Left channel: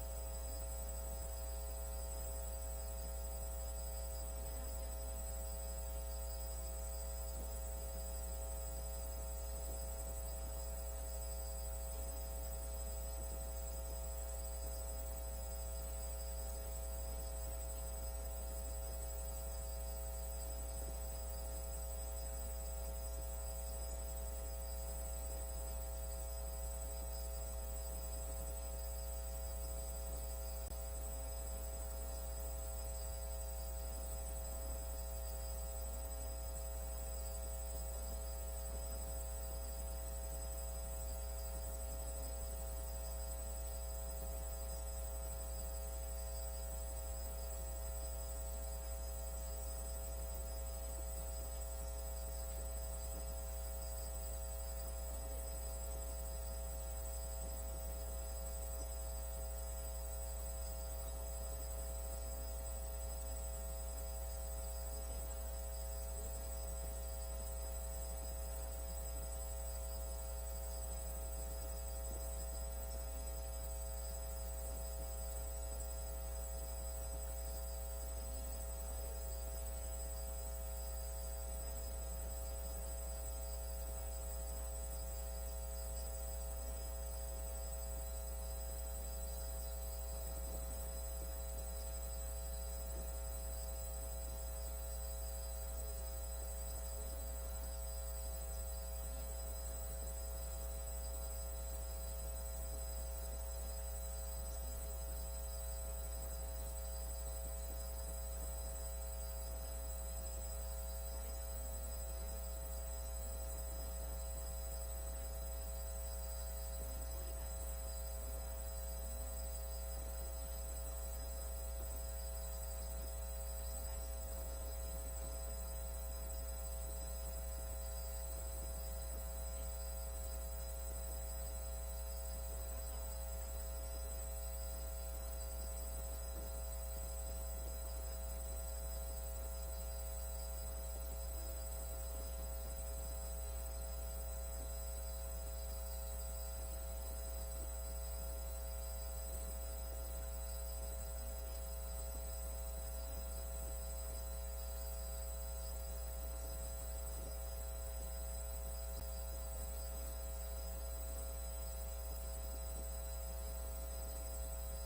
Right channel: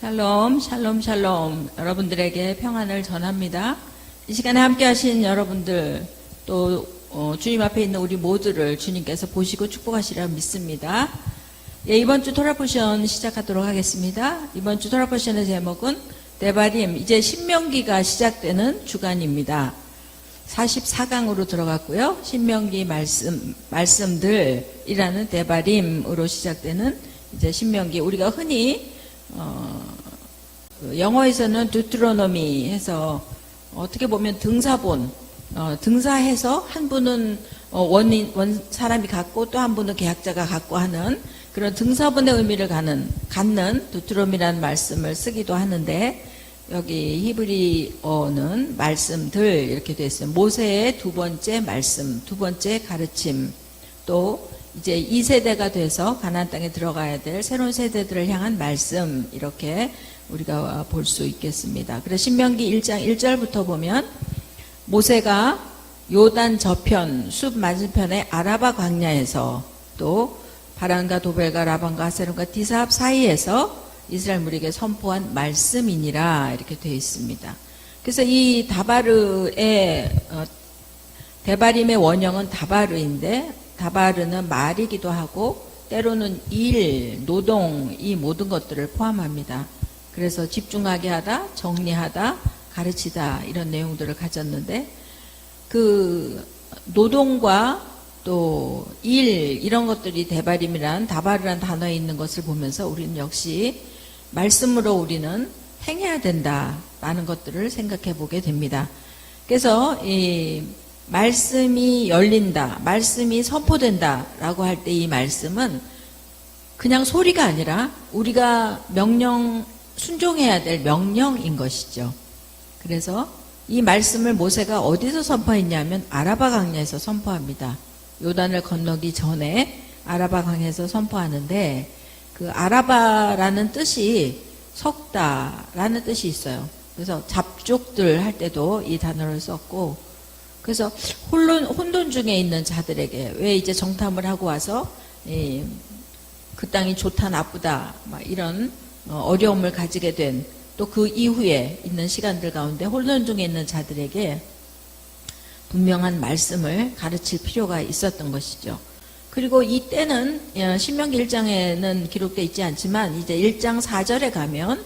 샬롬, 샬롬, 샬롬. 여러분들에게 평안을 전합니다. 이 시간에 함께 하신 여러분들, 또 주님 앞에 있는 우리 모두를 주님께서 보시고 축복하시리라 믿습니다. 예, 이번 주 토라 포션 시작하도록 하겠습니다. 이번 주 토라 포션의 제목은 데바림, 이제 신명기가 시작되는 주간입니다. 44강으로 들어갔고요. 신명기 말씀들이라는 데바림으로 시작되는 이제 신명기, 우리가 흔히 영어에서는 두트로노미 해서 어떻게 보면 등사본, 등사해서 한 분은 원 사람이 갖고 또 한 분은 계약자가 갖고 하는 그런 등사본의 의미를 갖는 두트로미라는 말씀을 쓰기도 하는데, 여기 히브리어는 말씀들 이렇게 되어 있어요. 모세의 두 번째 말씀, 두 번째 가르침, 또 이제 2세대가 돼서 가나안 땅에 들어가야 될 새로운 세대들을 향한 말씀, 이렇게 우리가 볼 수 있겠습니다. 그래서 신명기 1장 1절부터 보면 모세가 요단 저편 숲 맞은편의 아라바 광야에서, 또 바란과 도벨과 라반과 하세론과 디사합 사이에서 이스라엘 무리에게 선포한 말씀이니라, 이렇게 되어 있습니다. 그래서 이 데바림의 원형은 다바르인데, 다바르는 말이기도 하고 때로는 일, 노동, 이 모든 것들을 포함합니다. 그래서 집중하게 하다, 정리하다, 가르치다, 이런 내용들을 가졌는데, 그 노동과 또 일, 이런 것들이 데바림이란, 다바르란 단어에 있는 것을 보면서 우리는 역시 말씀으로 우리는 행해야 된다라는 것들을 생각해 보게 됩니다. 그래서 이 말씀이 열린다, 말씀이 선포된다라고 할 때 이 말씀은 그냥 소리가 아니라 우리가 순종해야 될 명령인 것이죠. 그래서 이 말씀을 모세가 어디서 선포했냐면 아라바 강야에서 선포합니다. 요단을 건너기 전에 아라바 강야에서 선포하는데, 그 아라바라는 뜻이 섞다라는 뜻이 있어요. 그래서 잡족들 할 때도 이 단어를 썼고, 그래서 혼돈 중에 있는 자들에게, 왜 이제 정탐을 하고 와서 그 땅이 좋다 나쁘다 막 이런 어려움을 가지게 된, 또 그 이후에 있는 시간들 가운데 혼돈 중에 있는 자들에게 분명한 말씀을 가르칠 필요가 있었던 것이죠. 그리고 이 때는 신명기 1장에는 기록되어 있지 않지만 이제 1장 4절에 가면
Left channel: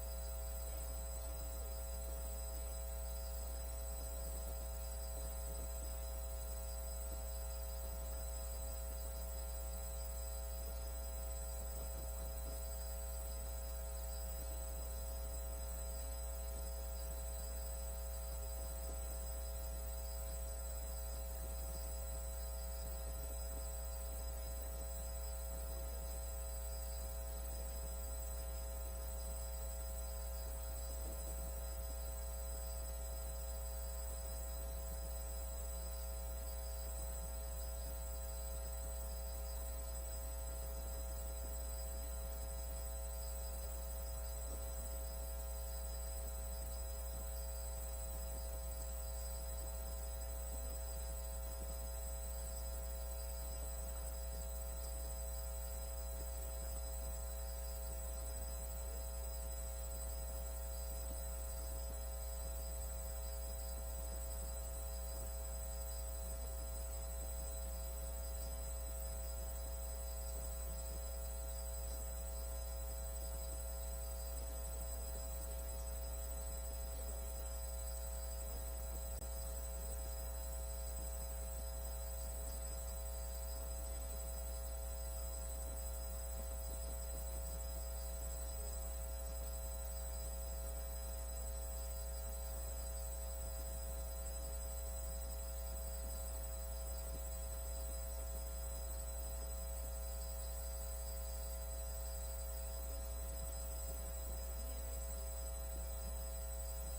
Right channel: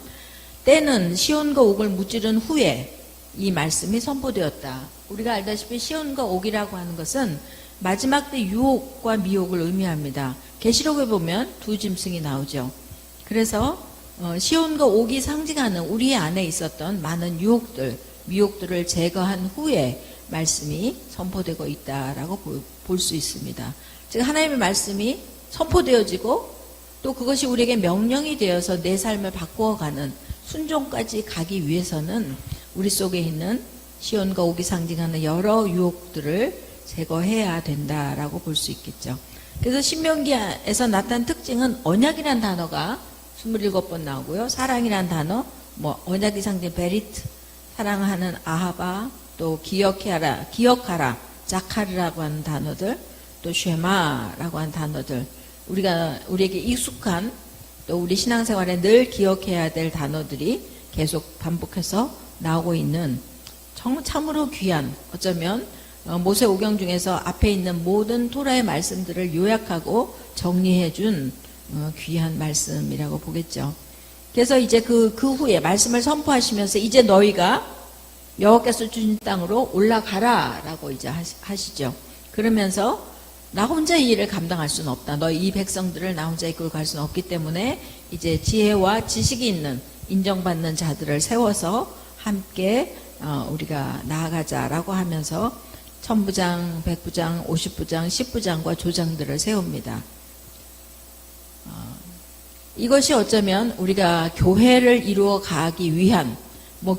때는 시온과 옥을 무찌른 후에 이 말씀이 선포되었다. 우리가 알다시피 시온과 옥이라고 하는 것은 마지막 때 유혹과 미혹을 의미합니다. 계시록에 보면 두 짐승이 나오죠. 그래서 시온과 옥이 상징하는 우리 안에 있었던 많은 유혹들, 미혹들을 제거한 후에 말씀이 선포되고 있다라고 볼 수 있습니다. 즉 하나님의 말씀이 선포되어지고 또 그것이 우리에게 명령이 되어서 내 삶을 바꾸어가는 순종까지 가기 위해서는 우리 속에 있는 시온과 옥이 상징하는 여러 유혹들을 제거해야 된다라고 볼 수 있겠죠. 그래서 신명기에서 나타난 특징은 언약이라는 단어가 27번 나오고요. 사랑이라는 단어, 언약이 상징 베리트, 사랑하는 아하바, 또 기억하라, 자카르라고 하는 단어들, 또 쉐마라고 하는 단어들, 우리에게 익숙한, 또 우리 신앙생활에 늘 기억해야 될 단어들이 계속 반복해서 나오고 있는 참으로 귀한, 어쩌면 모세오경 중에서 앞에 있는 모든 토라의 말씀들을 요약하고 정리해준 귀한 말씀이라고 보겠죠. 그래서 이제 그 후에 말씀을 선포하시면서 이제 너희가 여호와께서 주신 땅으로 올라가라라고 이제 하시죠. 그러면서 나 혼자 이 일을 감당할 수는 없다. 너희 이 백성들을 나 혼자 이끌고 갈 수는 없기 때문에 이제 지혜와 지식이 있는, 인정받는 자들을 세워서 함께 우리가 나아가자라고 하면서 천부장, 백부장, 50부장, 10부장과 조장들을 세웁니다. 이것이 어쩌면 우리가 교회를 이루어 가기 위한,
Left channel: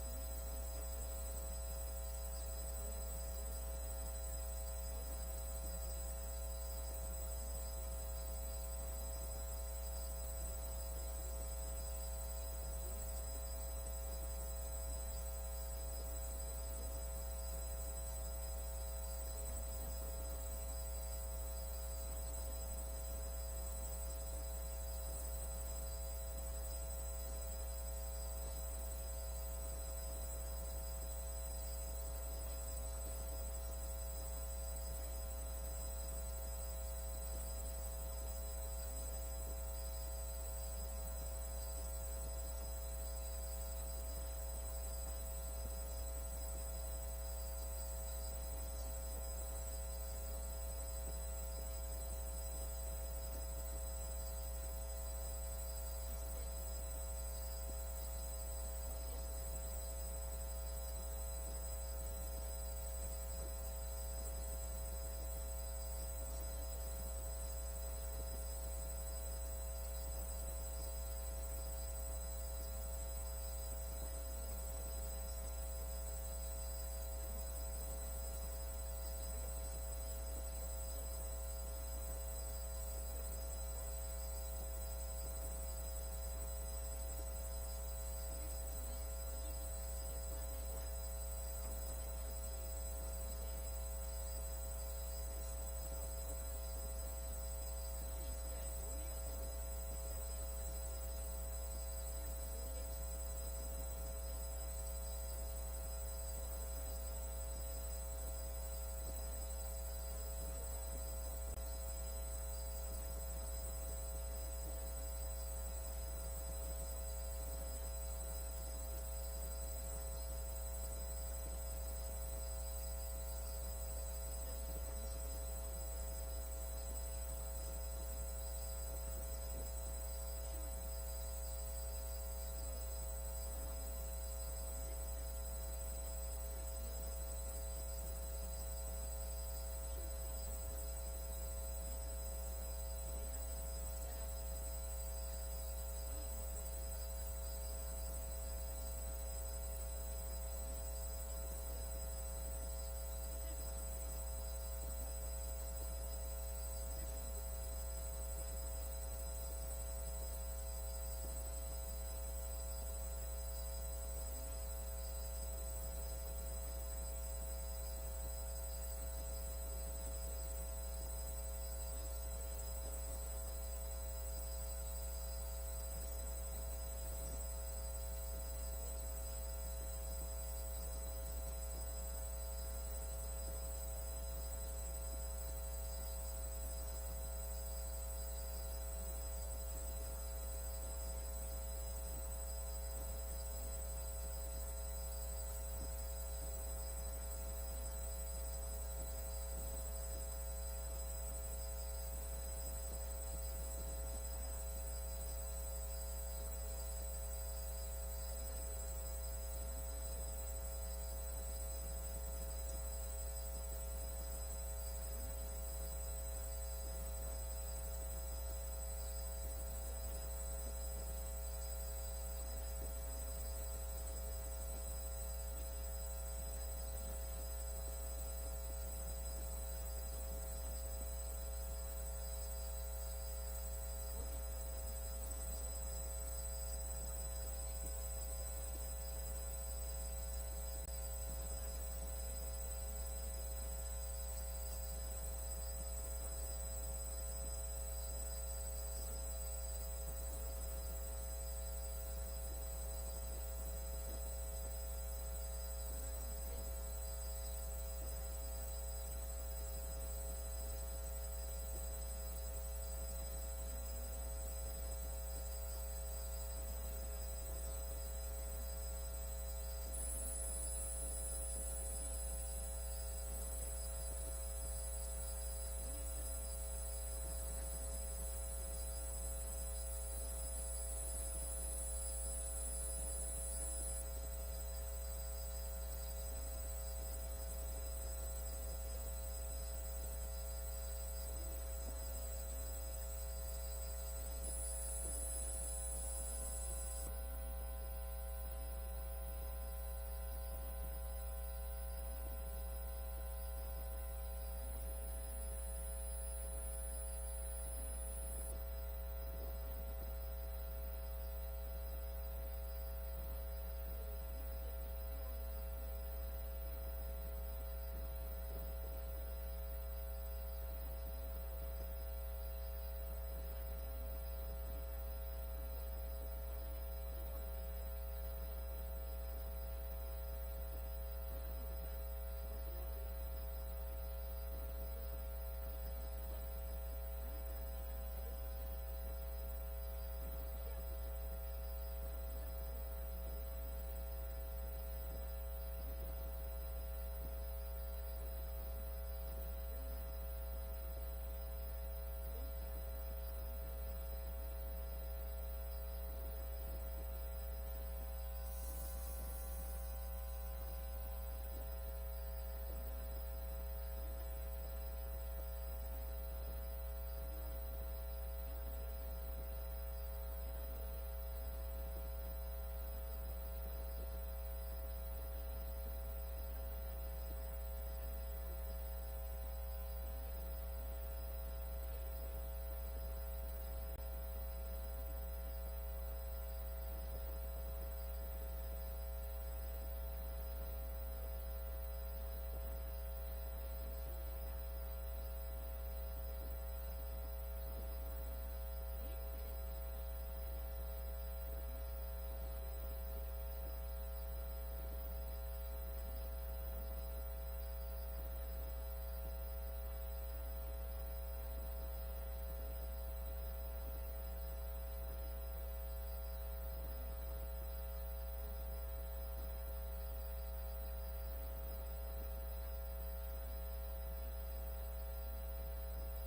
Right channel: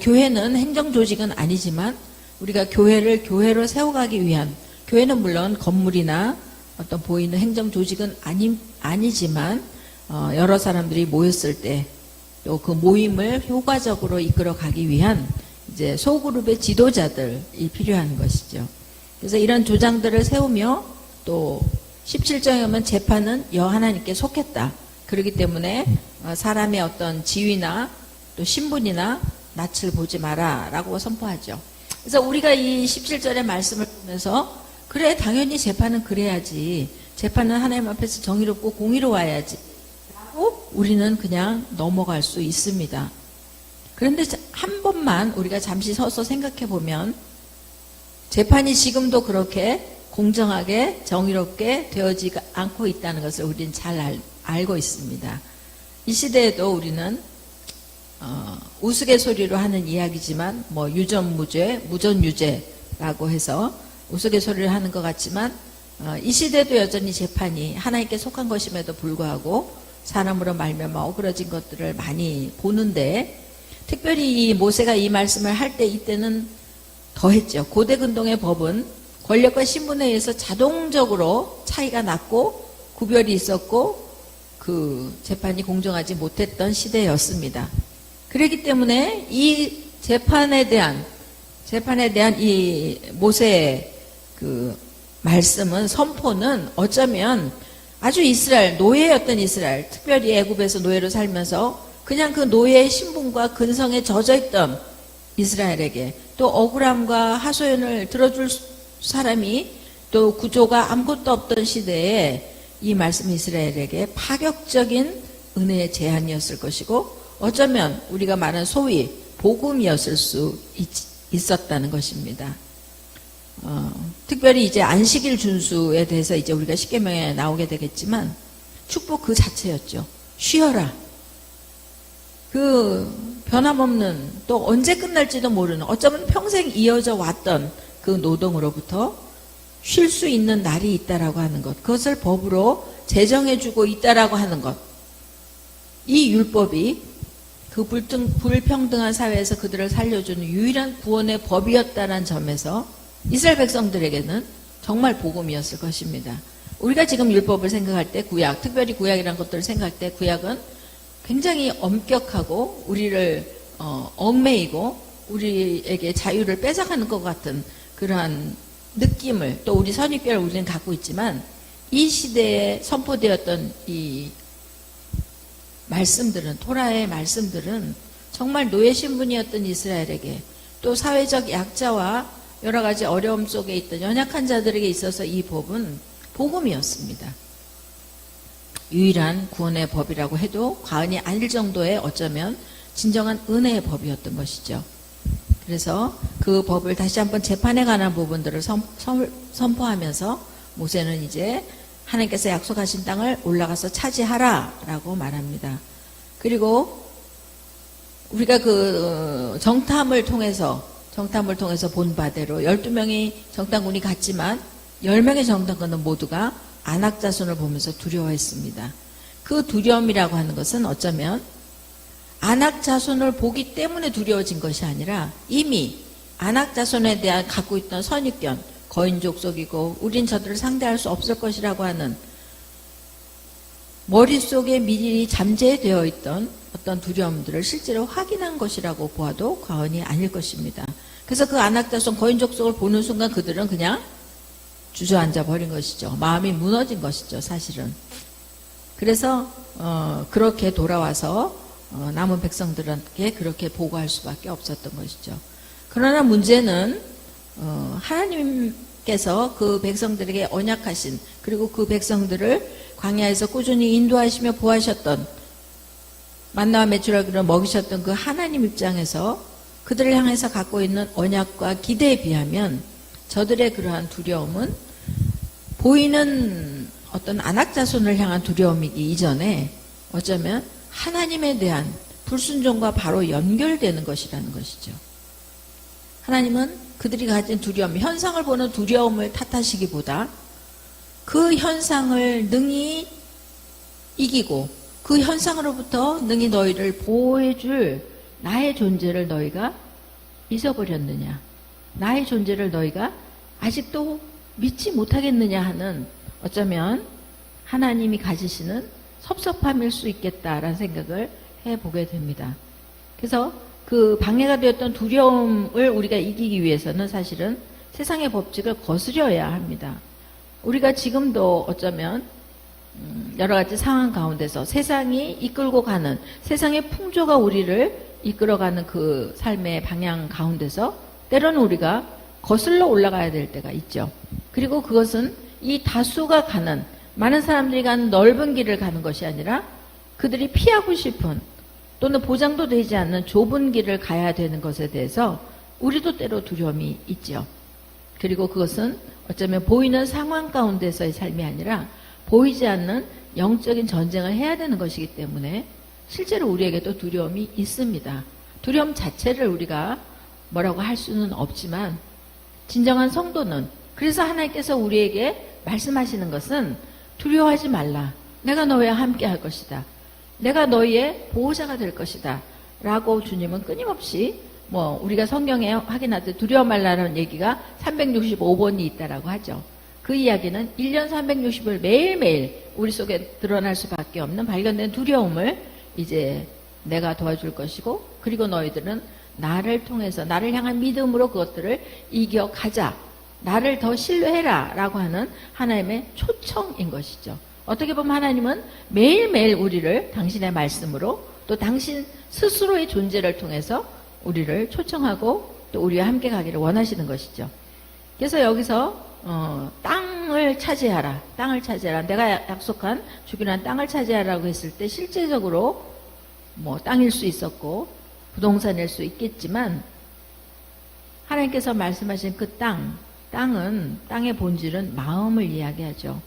교회는 행정조직은 아니지만 우리가 교회를 교회로 세워가기 위한, 교회는 물론 건물이나 어떤 보이는 행정조직은 아니지만 여러 사람들이 모였을 때 또 그 모임을 효과적으로 이끌어 가기 위한 이제 소그룹의 지도자들이 필요한 것이죠. 그래서 이런 주장들을 세우며 또 17장에 오면 재판은 여하나님께 속했다. 그렇기 때문에 사람의 어떤 지위나 또 신분이나 낯을 보지 마라 라고 선포하죠. 그래서 우리가 이 17절의 말씀을 보면서 그래 당연히 재판은 그래야지. 재판은 하나님 앞에서 정의롭고 공의로워야지 라고 우리는 그냥 넘어갈 수 있습니다. 그런데 한 번만 우리가 잠시 서서 생각해 보면 재판이 지금도 그렇게 공정하게 정의롭게 되어지지 않고 있다는 것을 우리는 잘 알고 있습니다. 이 시대에도 우리는 우스갯소리로 하는 이야기지만 뭐 유전무죄, 무전유죄라고 해서 우스갯소리를 하는 것 같지만 이 시대도 여전히 재판이 하나님께 속한 것임에도 불구하고 사람으로 말미암아 어그러진 것들을 많이 보는데 특별히 이 모세가 이 말씀을 할 때 이때는 더했죠. 고대 근동의 법은 권력과 신분에 의해서 자동적으로 차이가 났고 구별이 있었고 그 재판이 공정하지 못했던 시대였습니다. 그렇기 때문에 이 재판에 대한 이 모세의 그 말씀은 선포는 어쩌면 아주 이스라엘 노예였던 이스라엘 특별히 애굽에서 노예로 살면서 그냥 그 노예의 신분과 근성에 젖어있던 이스라엘에게 또 억울함과 하소연을 들어줄 사람이 또 구조가 아무것도 없던 시대에 이 말씀이 이스라엘에게 파격적인 은혜의 제안이었을 것이고 어쩌면 우리가 말하는 소위 복음이었을 수 있었다는 것입니다. 특별히 이제 안식일 준수에 대해서 이제 우리가 십계명에 나오게 되겠지만 축복 그 자체였죠. 쉬어라. 그 변함없는 또 언제 끝날지도 모르는 어쩌면 평생 이어져 왔던 그 노동으로부터 쉴 수 있는 날이 있다라고 하는 것, 그것을 법으로 제정해주고 있다라고 하는 것, 이 율법이 그 불평등한 사회에서 그들을 살려주는 유일한 구원의 법이었다는 점에서 이스라엘 백성들에게는 정말 복음이었을 것입니다. 우리가 지금 율법을 생각할 때 구약, 특별히 구약이라는 것들을 생각할 때 구약은 굉장히 엄격하고 우리를 얽매이고 우리에게 자유를 뺏어가는 것 같은 그러한 느낌을 또 우리 선입견을 우리는 갖고 있지만 이 시대에 선포되었던 이 말씀들은 토라의 말씀들은 정말 노예 신분이었던 이스라엘에게 또 사회적 약자와 여러 가지 어려움 속에 있던 연약한 자들에게 있어서 이 법은 복음이었습니다. 유일한 구원의 법이라고 해도 과언이 아닐 정도의 어쩌면 진정한 은혜의 법이었던 것이죠. 그래서 그 법을 다시 한번 재판에 관한 부분들을 선포하면서 모세는 이제 하나님께서 약속하신 땅을 올라가서 차지하라 라고 말합니다. 그리고 우리가 그 정탐을 통해서 본 바대로 12명이 정탐군이 갔지만 10명의 정탐군은 모두가 아낙 자손을 보면서 두려워했습니다. 그 두려움이라고 하는 것은 어쩌면 아낙 자손을 보기 때문에 두려워진 것이 아니라 이미 아낙 자손에 대한 갖고 있던 선입견, 거인족 속이고 우린 저들을 상대할 수 없을 것이라고 하는 머릿속에 미리 잠재되어 있던 어떤 두려움들을 실제로 확인한 것이라고 보아도 과언이 아닐 것입니다. 그래서 그 아낙 자손 거인족 속을 보는 순간 그들은 그냥 주저앉아 버린 것이죠. 마음이 무너진 것이죠, 사실은. 그래서 그렇게 돌아와서 남은 백성들에게 그렇게 보고할 수밖에 없었던 것이죠. 그러나 문제는 하나님께서 그 백성들에게 언약하신 그리고 그 백성들을 광야에서 꾸준히 인도하시며 보하셨던 만나와 메추라기를 먹이셨던 그 하나님 입장에서 그들을 향해서 갖고 있는 언약과 기대에 비하면 저들의 그러한 두려움은 보이는 어떤 아낙 자손을 향한 두려움이기 이전에 어쩌면 하나님에 대한 불순종과 바로 연결되는 것이라는 것이죠. 하나님은 그들이 가진 두려움, 현상을 보는 두려움을 탓하시기보다 그 현상을 능히 이기고 그 현상으로부터 능히 너희를 보호해줄 나의 존재를 너희가 잊어버렸느냐, 나의 존재를 너희가 아직도 믿지 못하겠느냐 하는 어쩌면 하나님이 가지시는 섭섭함일 수 있겠다라는 생각을 해보게 됩니다. 그래서 그 방해가 되었던 두려움을 우리가 이기기 위해서는 사실은 세상의 법칙을 거스려야 합니다. 우리가 지금도 어쩌면 여러 가지 상황 가운데서 세상이 이끌고 가는, 세상의 풍조가 우리를 이끌어가는 그 삶의 방향 가운데서 때로는 우리가 거슬러 올라가야 될 때가 있죠. 그리고 그것은 이 다수가 가는, 많은 사람들이 가는 넓은 길을 가는 것이 아니라 그들이 피하고 싶은 또는 보장도 되지 않는 좁은 길을 가야 되는 것에 대해서 우리도 때로 두려움이 있죠. 그리고 그것은 어쩌면 보이는 상황 가운데서의 삶이 아니라 보이지 않는 영적인 전쟁을 해야 되는 것이기 때문에 실제로 우리에게도 두려움이 있습니다. 두려움 자체를 우리가 뭐라고 할 수는 없지만 진정한 성도는, 그래서 하나님께서 우리에게 말씀하시는 것은 두려워하지 말라. 내가 너와 함께 할 것이다. 내가 너희의 보호자가 될 것이다. 라고 주님은 끊임없이 우리가 성경에 확인할 때 두려워 말라라는 얘기가 365번이 있다라고 하죠. 그 이야기는 1년 360일 매일매일 우리 속에 드러날 수밖에 없는 발견된 두려움을 이제 내가 도와줄 것이고, 그리고 너희들은 나를 통해서 나를 향한 믿음으로 그것들을 이겨가자. 나를 더 신뢰해라 라고 하는 하나님의 초청인 것이죠. 어떻게 보면 하나님은 매일매일 우리를 당신의 말씀으로 또 당신 스스로의 존재를 통해서 우리를 초청하고 또 우리와 함께 가기를 원하시는 것이죠. 그래서 여기서 땅을 차지하라. 땅을 차지하라. 내가 약속한 주기로 한 땅을 차지하라고 했을 때 실제적으로 땅일 수 있었고 부동산일 수 있겠지만 하나님께서 말씀하신 그 땅은 땅의 본질은 마음을 이야기하죠.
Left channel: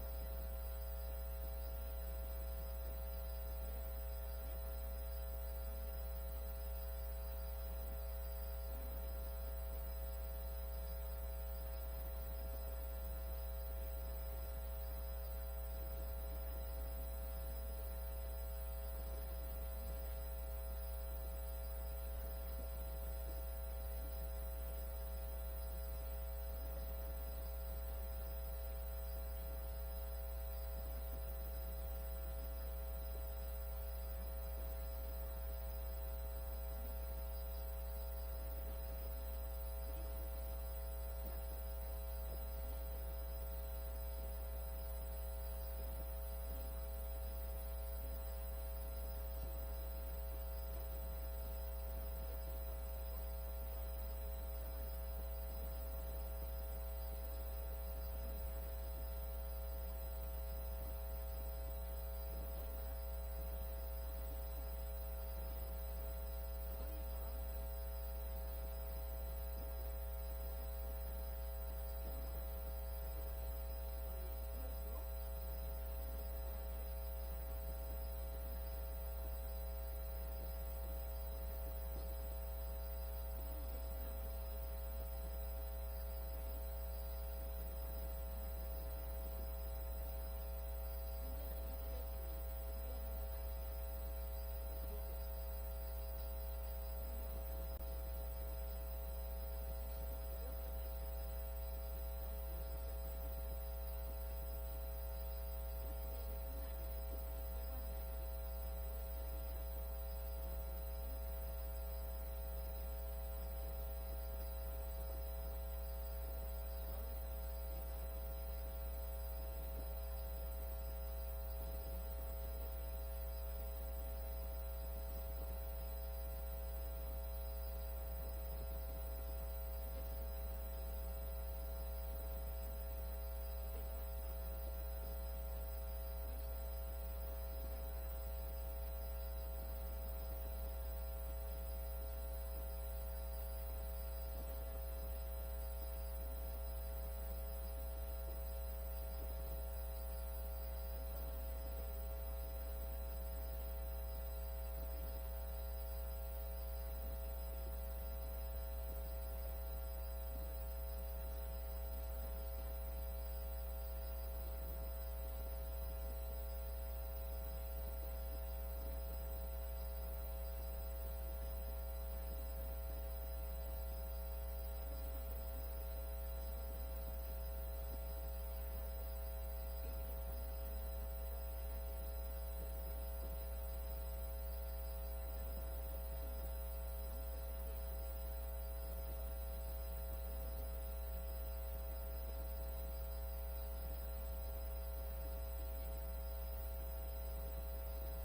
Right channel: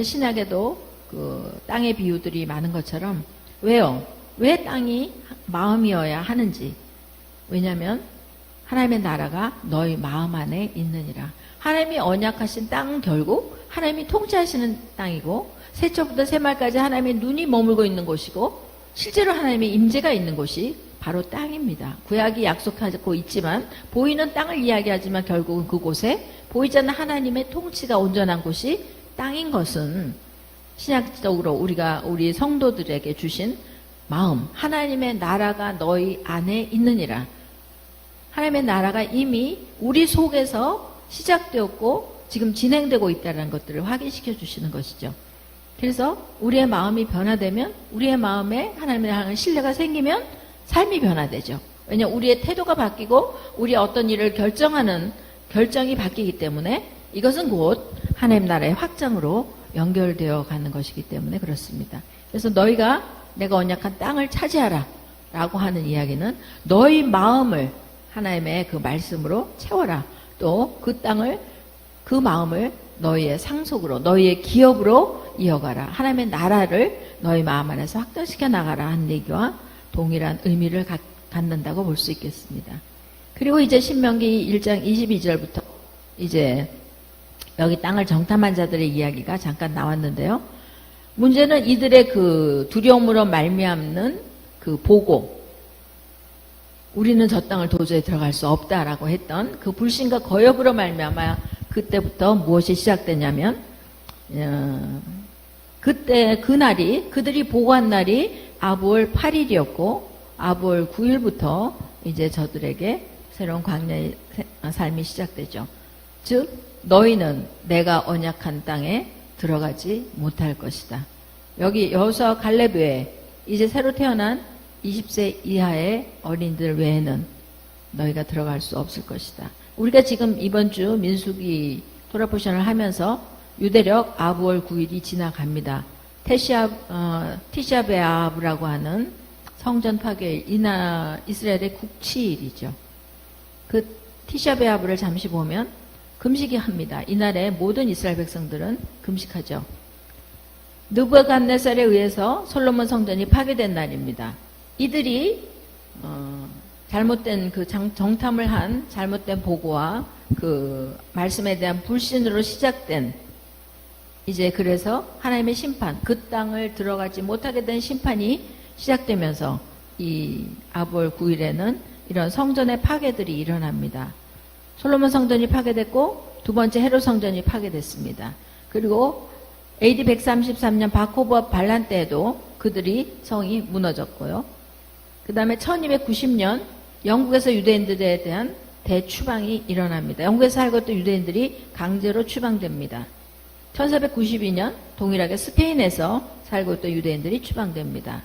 신약에도 그 땅의 비유들이 많은 것처럼 왜요? 왜 땅이 마음이어야 하는지. 왜냐하면 하나님의 나라가 너희 마음 안에 있느니라. 하나님이 언약하신 땅은 결국 하나님이 통치하시는 땅이고 새초부터 새말까지 하나님의 눈이 머물고 있는 곳이고 실제로 하나님의 임재가 있는 곳이 바로 땅입니다. 구약이 약속하고 있지만 보이는 땅을 이야기하지만 결국은 그곳에 보이지 않는 하나님의 통치가 온전한 곳이 땅인 것은 신약적으로 우리가 우리 성도들에게 주신 마음, 하나님의 나라가 너희 안에 있느니라. 하나님의 나라가 이미 우리 속에서 시작되었고 지금 진행되고 있다는 것들을 확인시켜 주시는 것이죠. 그래서 우리의 마음이 변화되면, 우리의 마음에 하나님에 대한 신뢰가 생기면 삶이 변화되죠. 왜냐하면 우리의 태도가 바뀌고 우리의 어떤 일을 결정하는 결정이 바뀌기 때문에 이것은 곧 하나님 나라의 확장으로 연결되어 가는 것이기 때문에 그렇습니다. 그래서 너희가 내가 언약한 땅을 차지하라 라고 하는 이야기는 너희 마음을 하나님의 그 말씀으로 채워라. 또 그 땅을, 그 마음을 너희의 상속으로, 너희의 기업으로 이어가라. 하나님의 나라를 너희 마음 안에서 확장시켜 나가라 하는 얘기와 동일한 의미를 갖는다고 볼 수 있겠습니다. 그리고 이제 신명기 1장 22절부터 이제 여기 땅을 정탐한 자들의 이야기가 잠깐 나왔는데요. 문제는 이들의 그 두려움으로 말미암는 그 보고, 우리는 저 땅을 도저히 들어갈 수 없다라고 했던 그 불신과 거역으로 말미암아 그때부터 무엇이 시작되냐면 그때 그날이, 그들이 보고한 날이 아부월 8일이었고 아부월 9일부터 이제 저들에게 새로운 광야의 삶이 시작되죠. 즉 너희는 내가 언약한 땅에 들어가지 못할 것이다. 여기 여호수아 갈렙 외에 이제 새로 태어난 20세 이하의 어린이들 외에는 너희가 들어갈 수 없을 것이다. 우리가 지금 이번 주 민수기 토라포션을 하면서 유대력 아부월 9일이 지나갑니다. 티샤베아브라고 하는 성전 파괴일, 이스라엘의 국치일이죠. 그 티샤베아브를 잠시 보면 금식이 합니다. 이날에 모든 이스라엘 백성들은 금식하죠. 느부갓네살에 의해서 솔로몬 성전이 파괴된 날입니다. 이들이 잘못된 그 정탐을 한 잘못된 보고와 그 말씀에 대한 불신으로 시작된, 이제 그래서 하나님의 심판, 그 땅을 들어가지 못하게 된 심판이 시작되면서 이 아부월 9일에는 이런 성전의 파괴들이 일어납니다. 솔로몬 성전이 파괴됐고 두 번째 헤롯 성전이 파괴됐습니다. 그리고 AD 133년 바코브와 반란 때에도 그들이 성이 무너졌고요. 그 다음에 1290년 영국에서 유대인들에 대한 대추방이 일어납니다. 영국에 살고 있던 유대인들이 강제로 추방됩니다. 1492년 동일하게 스페인에서 살고 있던 유대인들이 추방됩니다.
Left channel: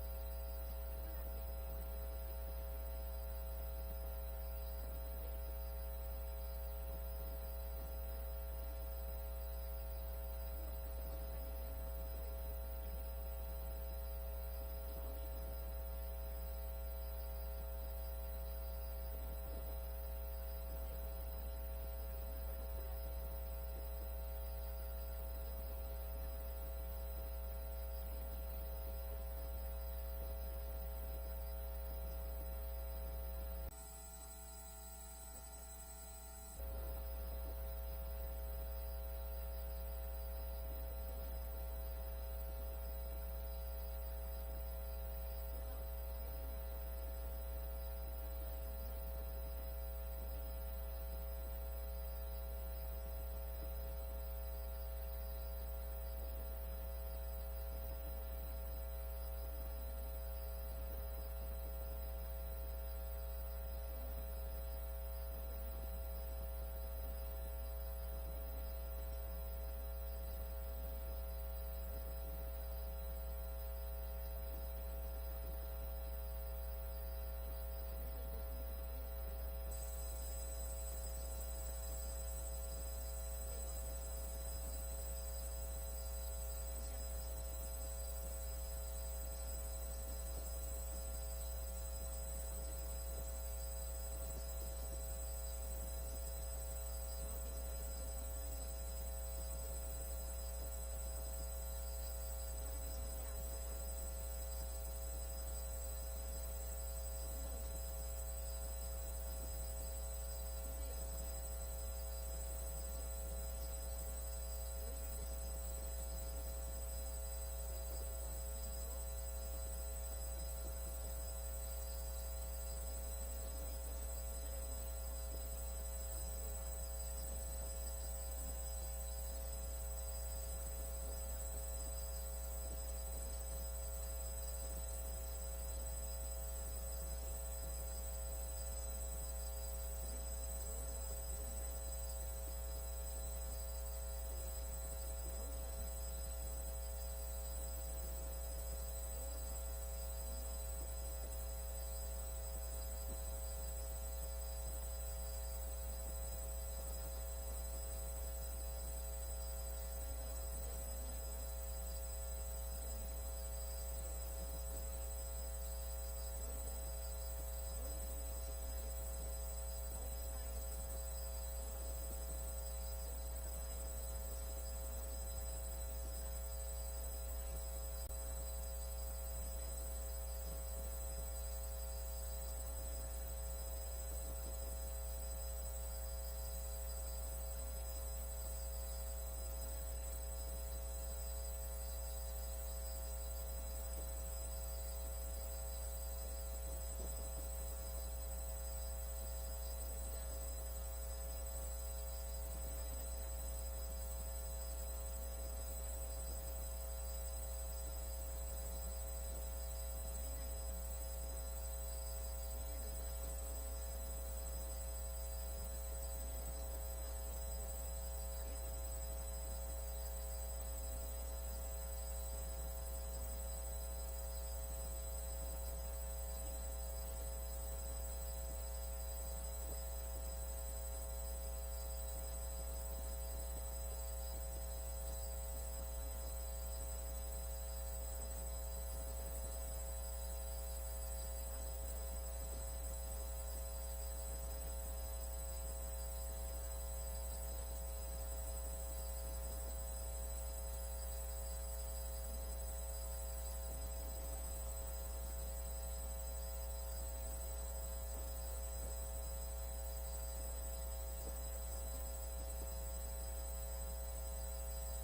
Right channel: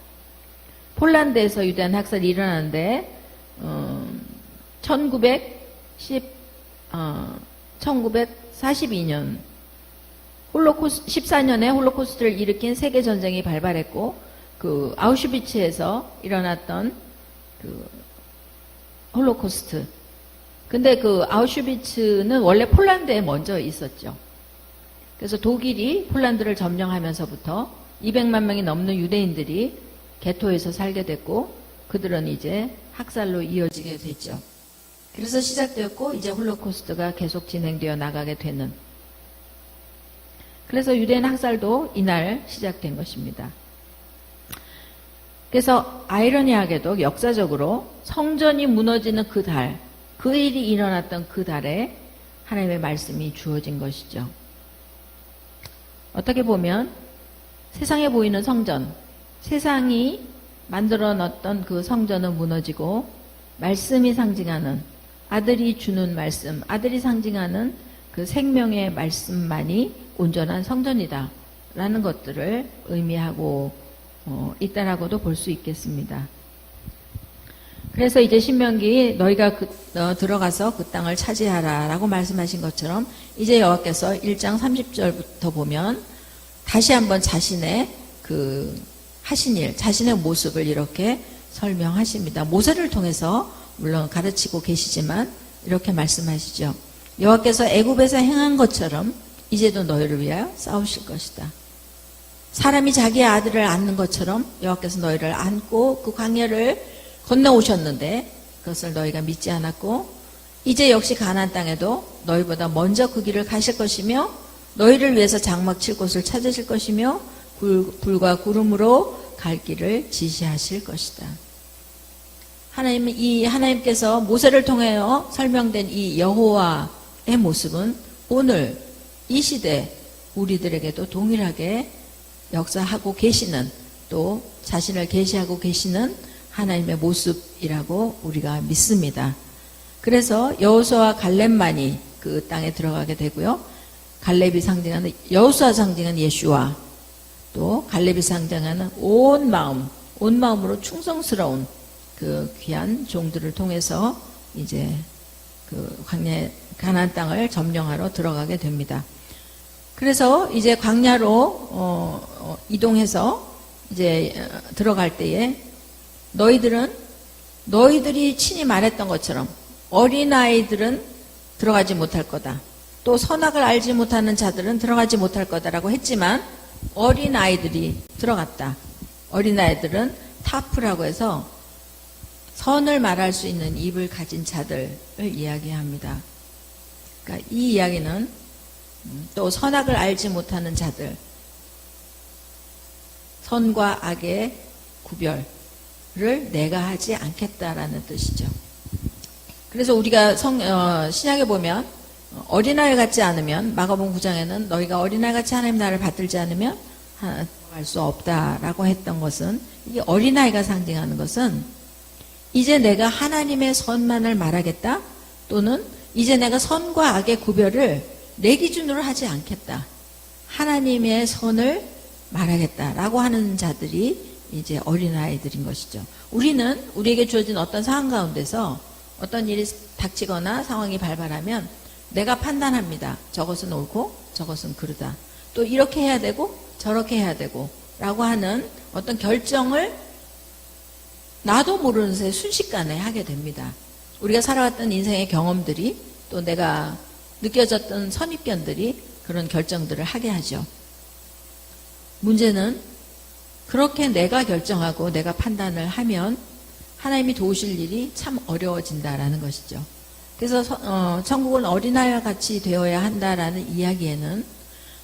폴란드에서 유대인 학살이 일어나는데 1942년 14년에 홀로코스트를 일으킨 세계전쟁이 발발했고 그 아우슈비츠에서 일어났던 그 홀로코스트. 근데 그 아우슈비츠는 원래 폴란드에 먼저 있었죠. 그래서 독일이 폴란드를 점령하면서부터 200만 명이 넘는 유대인들이 게토에서 살게 됐고 그들은 이제 학살로 이어지게 됐죠. 그래서 시작되었고 이제 홀로코스트가 계속 진행되어 나가게 되는. 그래서 유대인 학살도 이날 시작된 것입니다. 그래서 아이러니하게도 역사적으로 성전이 무너지는 그 달, 그 일이 일어났던 그 달에 하나님의 말씀이 주어진 것이죠. 어떻게 보면 세상에 보이는 성전, 세상이 만들어 놨던 그 성전은 무너지고 말씀이 상징하는 아들이 주는 말씀, 아들이 상징하는 그 생명의 말씀만이 온전한 성전이다 라는 것들을 의미하고 있다라고도 볼 수 있겠습니다. 그래서 이제 신명기 너희가 들어가서 그 땅을 차지하라 라고 말씀하신 것처럼 이제 여호와께서 1장 30절부터 보면 다시 한번 자신의 그 하신 일, 자신의 모습을 이렇게 설명하십니다. 모세를 통해서 물론 가르치고 계시지만 이렇게 말씀하시죠. 여호와께서 애굽에서 행한 것처럼 이제도 너희를 위하여 싸우실 것이다. 사람이 자기의 아들을 안는 것처럼 여호와께서 너희를 안고 그 광야를 건너오셨는데 그것을 너희가 믿지 않았고 이제 역시 가나안 땅에도 너희보다 먼저 그 길을 가실 것이며 너희를 위해서 장막 칠 곳을 찾으실 것이며 불과 구름으로 갈 길을 지시하실 것이다. 하나님께서 모세를 통하여 설명된 이 여호와의 모습은 오늘 이 시대 우리들에게도 동일하게 역사하고 계시는 또 자신을 계시하고 계시는 하나님의 모습이라고 우리가 믿습니다. 그래서 여호수아와 갈렙만이 그 땅에 들어가게 되고요. 갈렙이 상징하는 여호수아 상징하는 예수와 또 갈렙이 상징하는 온 마음으로 충성스러운 그 귀한 종들을 통해서 이제 그 광야 가나안 땅을 점령하러 들어가게 됩니다. 그래서 이제 광야로 이동해서 이제 들어갈 때에 너희들이 친히 말했던 것처럼 어린아이들은 들어가지 못할 거다. 또 선악을 알지 못하는 자들은 들어가지 못할 거다라고 했지만 어린아이들이 들어갔다. 어린아이들은 타프라고 해서 선을 말할 수 있는 입을 가진 자들을 이야기합니다. 그러니까 이 이야기는 또 선악을 알지 못하는 자들, 선과 악의 구별을 내가 하지 않겠다라는 뜻이죠. 그래서 우리가 신약에 보면 어린아이 같지 않으면 마가복음 9장에는 너희가 어린아이 같이 하나님 나라를 받들지 않으면 할 수 없다라고 했던 것은 이 어린아이가 상징하는 것은 이제 내가 하나님의 선만을 말하겠다 또는 이제 내가 선과 악의 구별을 내 기준으로 하지 않겠다. 하나님의 선을 말하겠다라고 하는 자들이 이제 어린아이들인 것이죠. 우리는 우리에게 주어진 어떤 상황 가운데서 어떤 일이 닥치거나 상황이 발발하면 내가 판단합니다. 저것은 옳고 저것은 그르다. 또 이렇게 해야 되고 저렇게 해야 되고 라고 하는 어떤 결정을 나도 모르는 새 순식간에 하게 됩니다. 우리가 살아왔던 인생의 경험들이 또 내가 느껴졌던 선입견들이 그런 결정들을 하게 하죠. 문제는 그렇게 내가 결정하고 내가 판단을 하면 하나님이 도우실 일이 참 어려워진다라는 것이죠. 그래서 천국은 어린아이와 같이 되어야 한다라는 이야기에는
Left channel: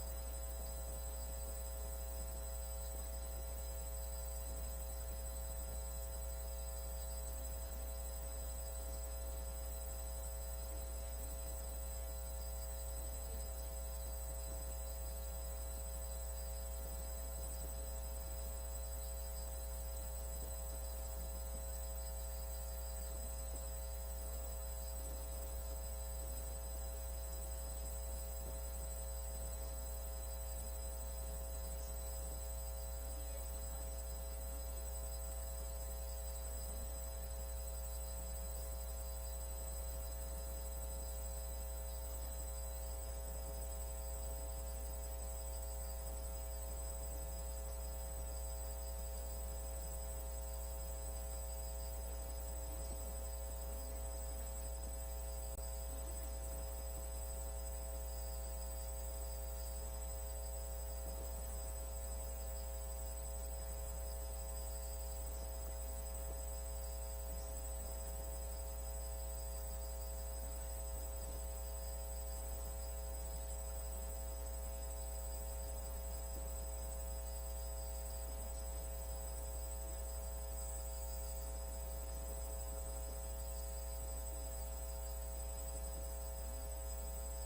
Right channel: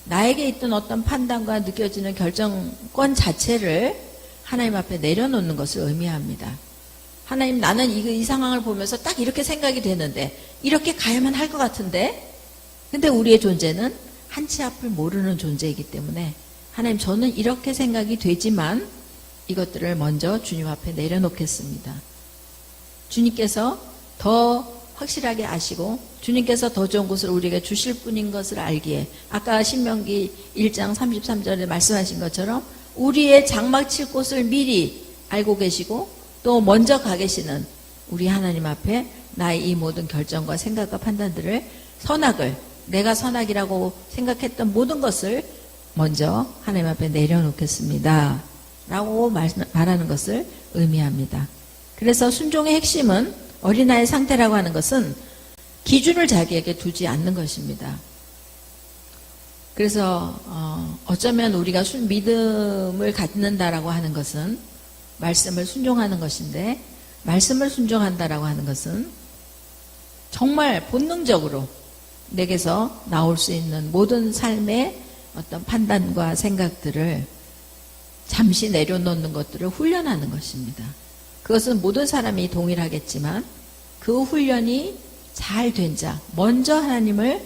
나에게 있던 어떤 판단과 느껴지는 결정권 자체를 하나님 앞에 내려놓는 것을 의미합니다. 하나님, 나는 이 상황을 보면서 딱 이렇게 생각이 되는데 이렇게 가야만 할 것 같은데 근데 우리의 존재는 한치 앞을 모르는 존재이기 때문에 하나님, 저는 이렇게 생각이 되지만 이것들을 먼저 주님 앞에 내려놓겠습니다. 주님께서 더 확실하게 아시고 주님께서 더 좋은 것을 우리에게 주실 분인 것을 알기에 아까 신명기 1장 33절에 말씀하신 것처럼 우리의 장막 칠 곳을 미리 알고 계시고 또 먼저 가 계시는 우리 하나님 앞에 나의 이 모든 결정과 생각과 판단들을 선악을 내가 선악이라고 생각했던 모든 것을 먼저 하나님 앞에 내려놓겠습니다 라고 말하는 것을 의미합니다. 그래서 순종의 핵심은 어린아이의 상태라고 하는 것은 기준을 자기에게 두지 않는 것입니다. 그래서 어쩌면 우리가 믿음을 갖는다라고 하는 것은 말씀을 순종하는 것인데 말씀을 순종한다라고 하는 것은 정말 본능적으로 내게서 나올 수 있는 모든 삶의 어떤 판단과 생각들을 잠시 내려놓는 것들을 훈련하는 것입니다. 그것은 모든 사람이 동일하겠지만 그 훈련이 잘 된 자, 먼저 하나님을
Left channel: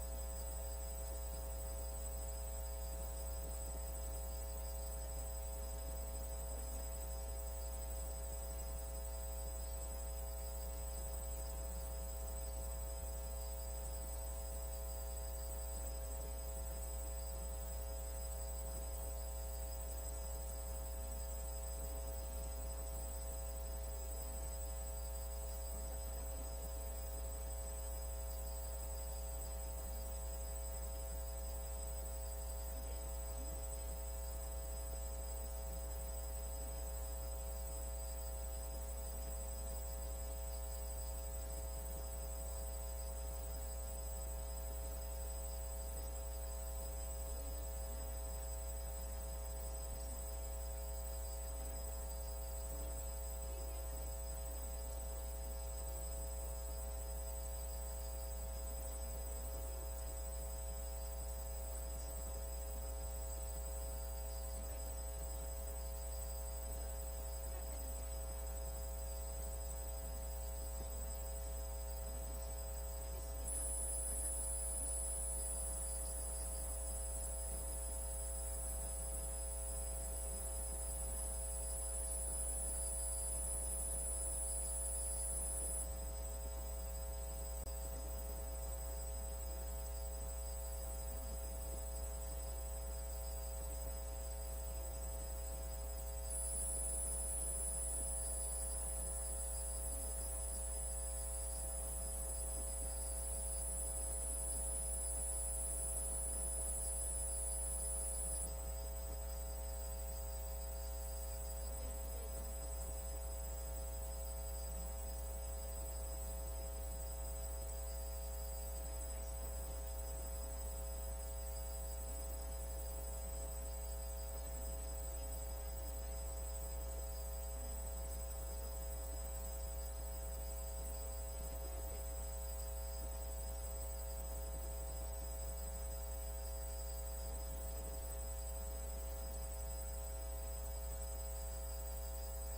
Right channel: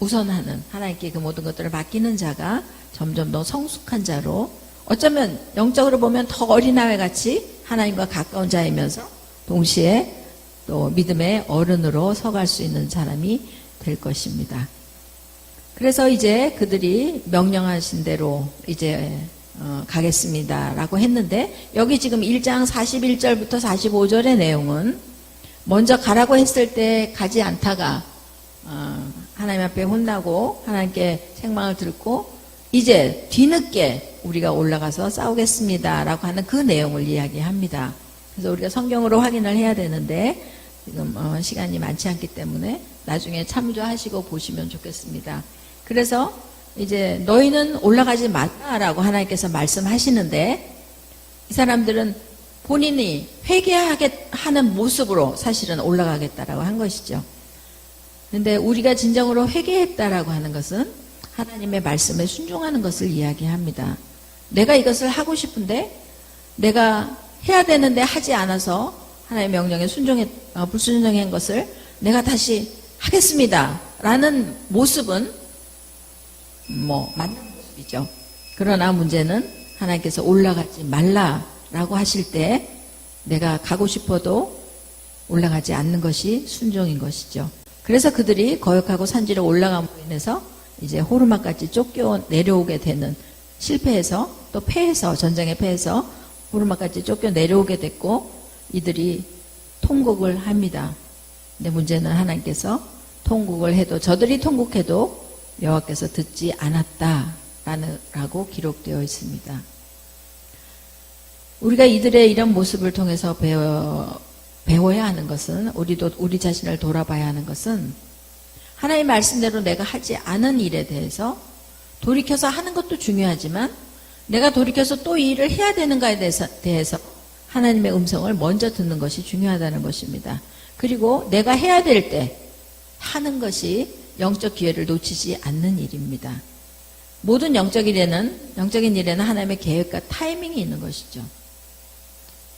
우선하는 하나님께 그 모든 것들을 맡기는 자가 점점 더 성숙한 자로 어쩌면 영적으로 보면 더 어린아이 같이 하나님과 가까운 자이면서 동시에 또 믿음의 어른으로 서갈 수 있는 사람이 될 것입니다. 그래서 이제 그들이 명령하신 대로 이제 가겠습니다 라고 했는데 여기 지금 1장 41절부터 45절의 내용은 먼저 가라고 했을 때 가지 않다가 하나님 앞에 혼나고 하나님께 책망을 듣고 이제 뒤늦게 우리가 올라가서 싸우겠습니다 라고 하는 그 내용을 이야기합니다. 그래서 우리가 성경으로 확인을 해야 되는데 지금 시간이 많지 않기 때문에 나중에 참조하시고 보시면 좋겠습니다. 그래서 이제 너희는 올라가지 말라라고 하나님께서 말씀하시는데 이 사람들은 본인이 회개하게 하는 모습으로 사실은 올라가겠다라고 한 것이죠. 그런데 우리가 진정으로 회개했다라고 하는 것은 하나님의 말씀에 순종하는 것을 이야기합니다. 내가 이것을 하고 싶은데 내가 해야 되는데 하지 않아서 하나님의 명령에 불순종한 것을 내가 다시 하겠습니다 라는 모습은 맞는 모습이죠. 그러나 문제는 하나님께서 올라가지 말라라고 하실 때 내가 가고 싶어도 올라가지 않는 것이 순종인 것이죠. 그래서 그들이 거역하고 산지로 올라감으로 인해서 이제 호르마까지 쫓겨 내려오게 되는 실패해서 또 패해서 전쟁에 패해서 호르마까지 쫓겨 내려오게 됐고 이들이 통곡을 합니다. 근데 문제는 하나님께서 통곡을 해도 저들이 통곡해도 여호와께서 듣지 않았다라고 기록되어 있습니다. 우리가 이들의 이런 모습을 통해서 배워야 하는 것은 우리도 우리 자신을 돌아봐야 하는 것은 하나님 말씀대로 내가 하지 않은 일에 대해서 돌이켜서 하는 것도 중요하지만 내가 돌이켜서 또 이 일을 해야 되는가에 대해서 하나님의 음성을 먼저 듣는 것이 중요하다는 것입니다. 그리고 내가 해야 될 때 하는 것이 영적 기회를 놓치지 않는 일입니다. 모든 영적인 일에는 하나님의 계획과 타이밍이 있는 것이죠.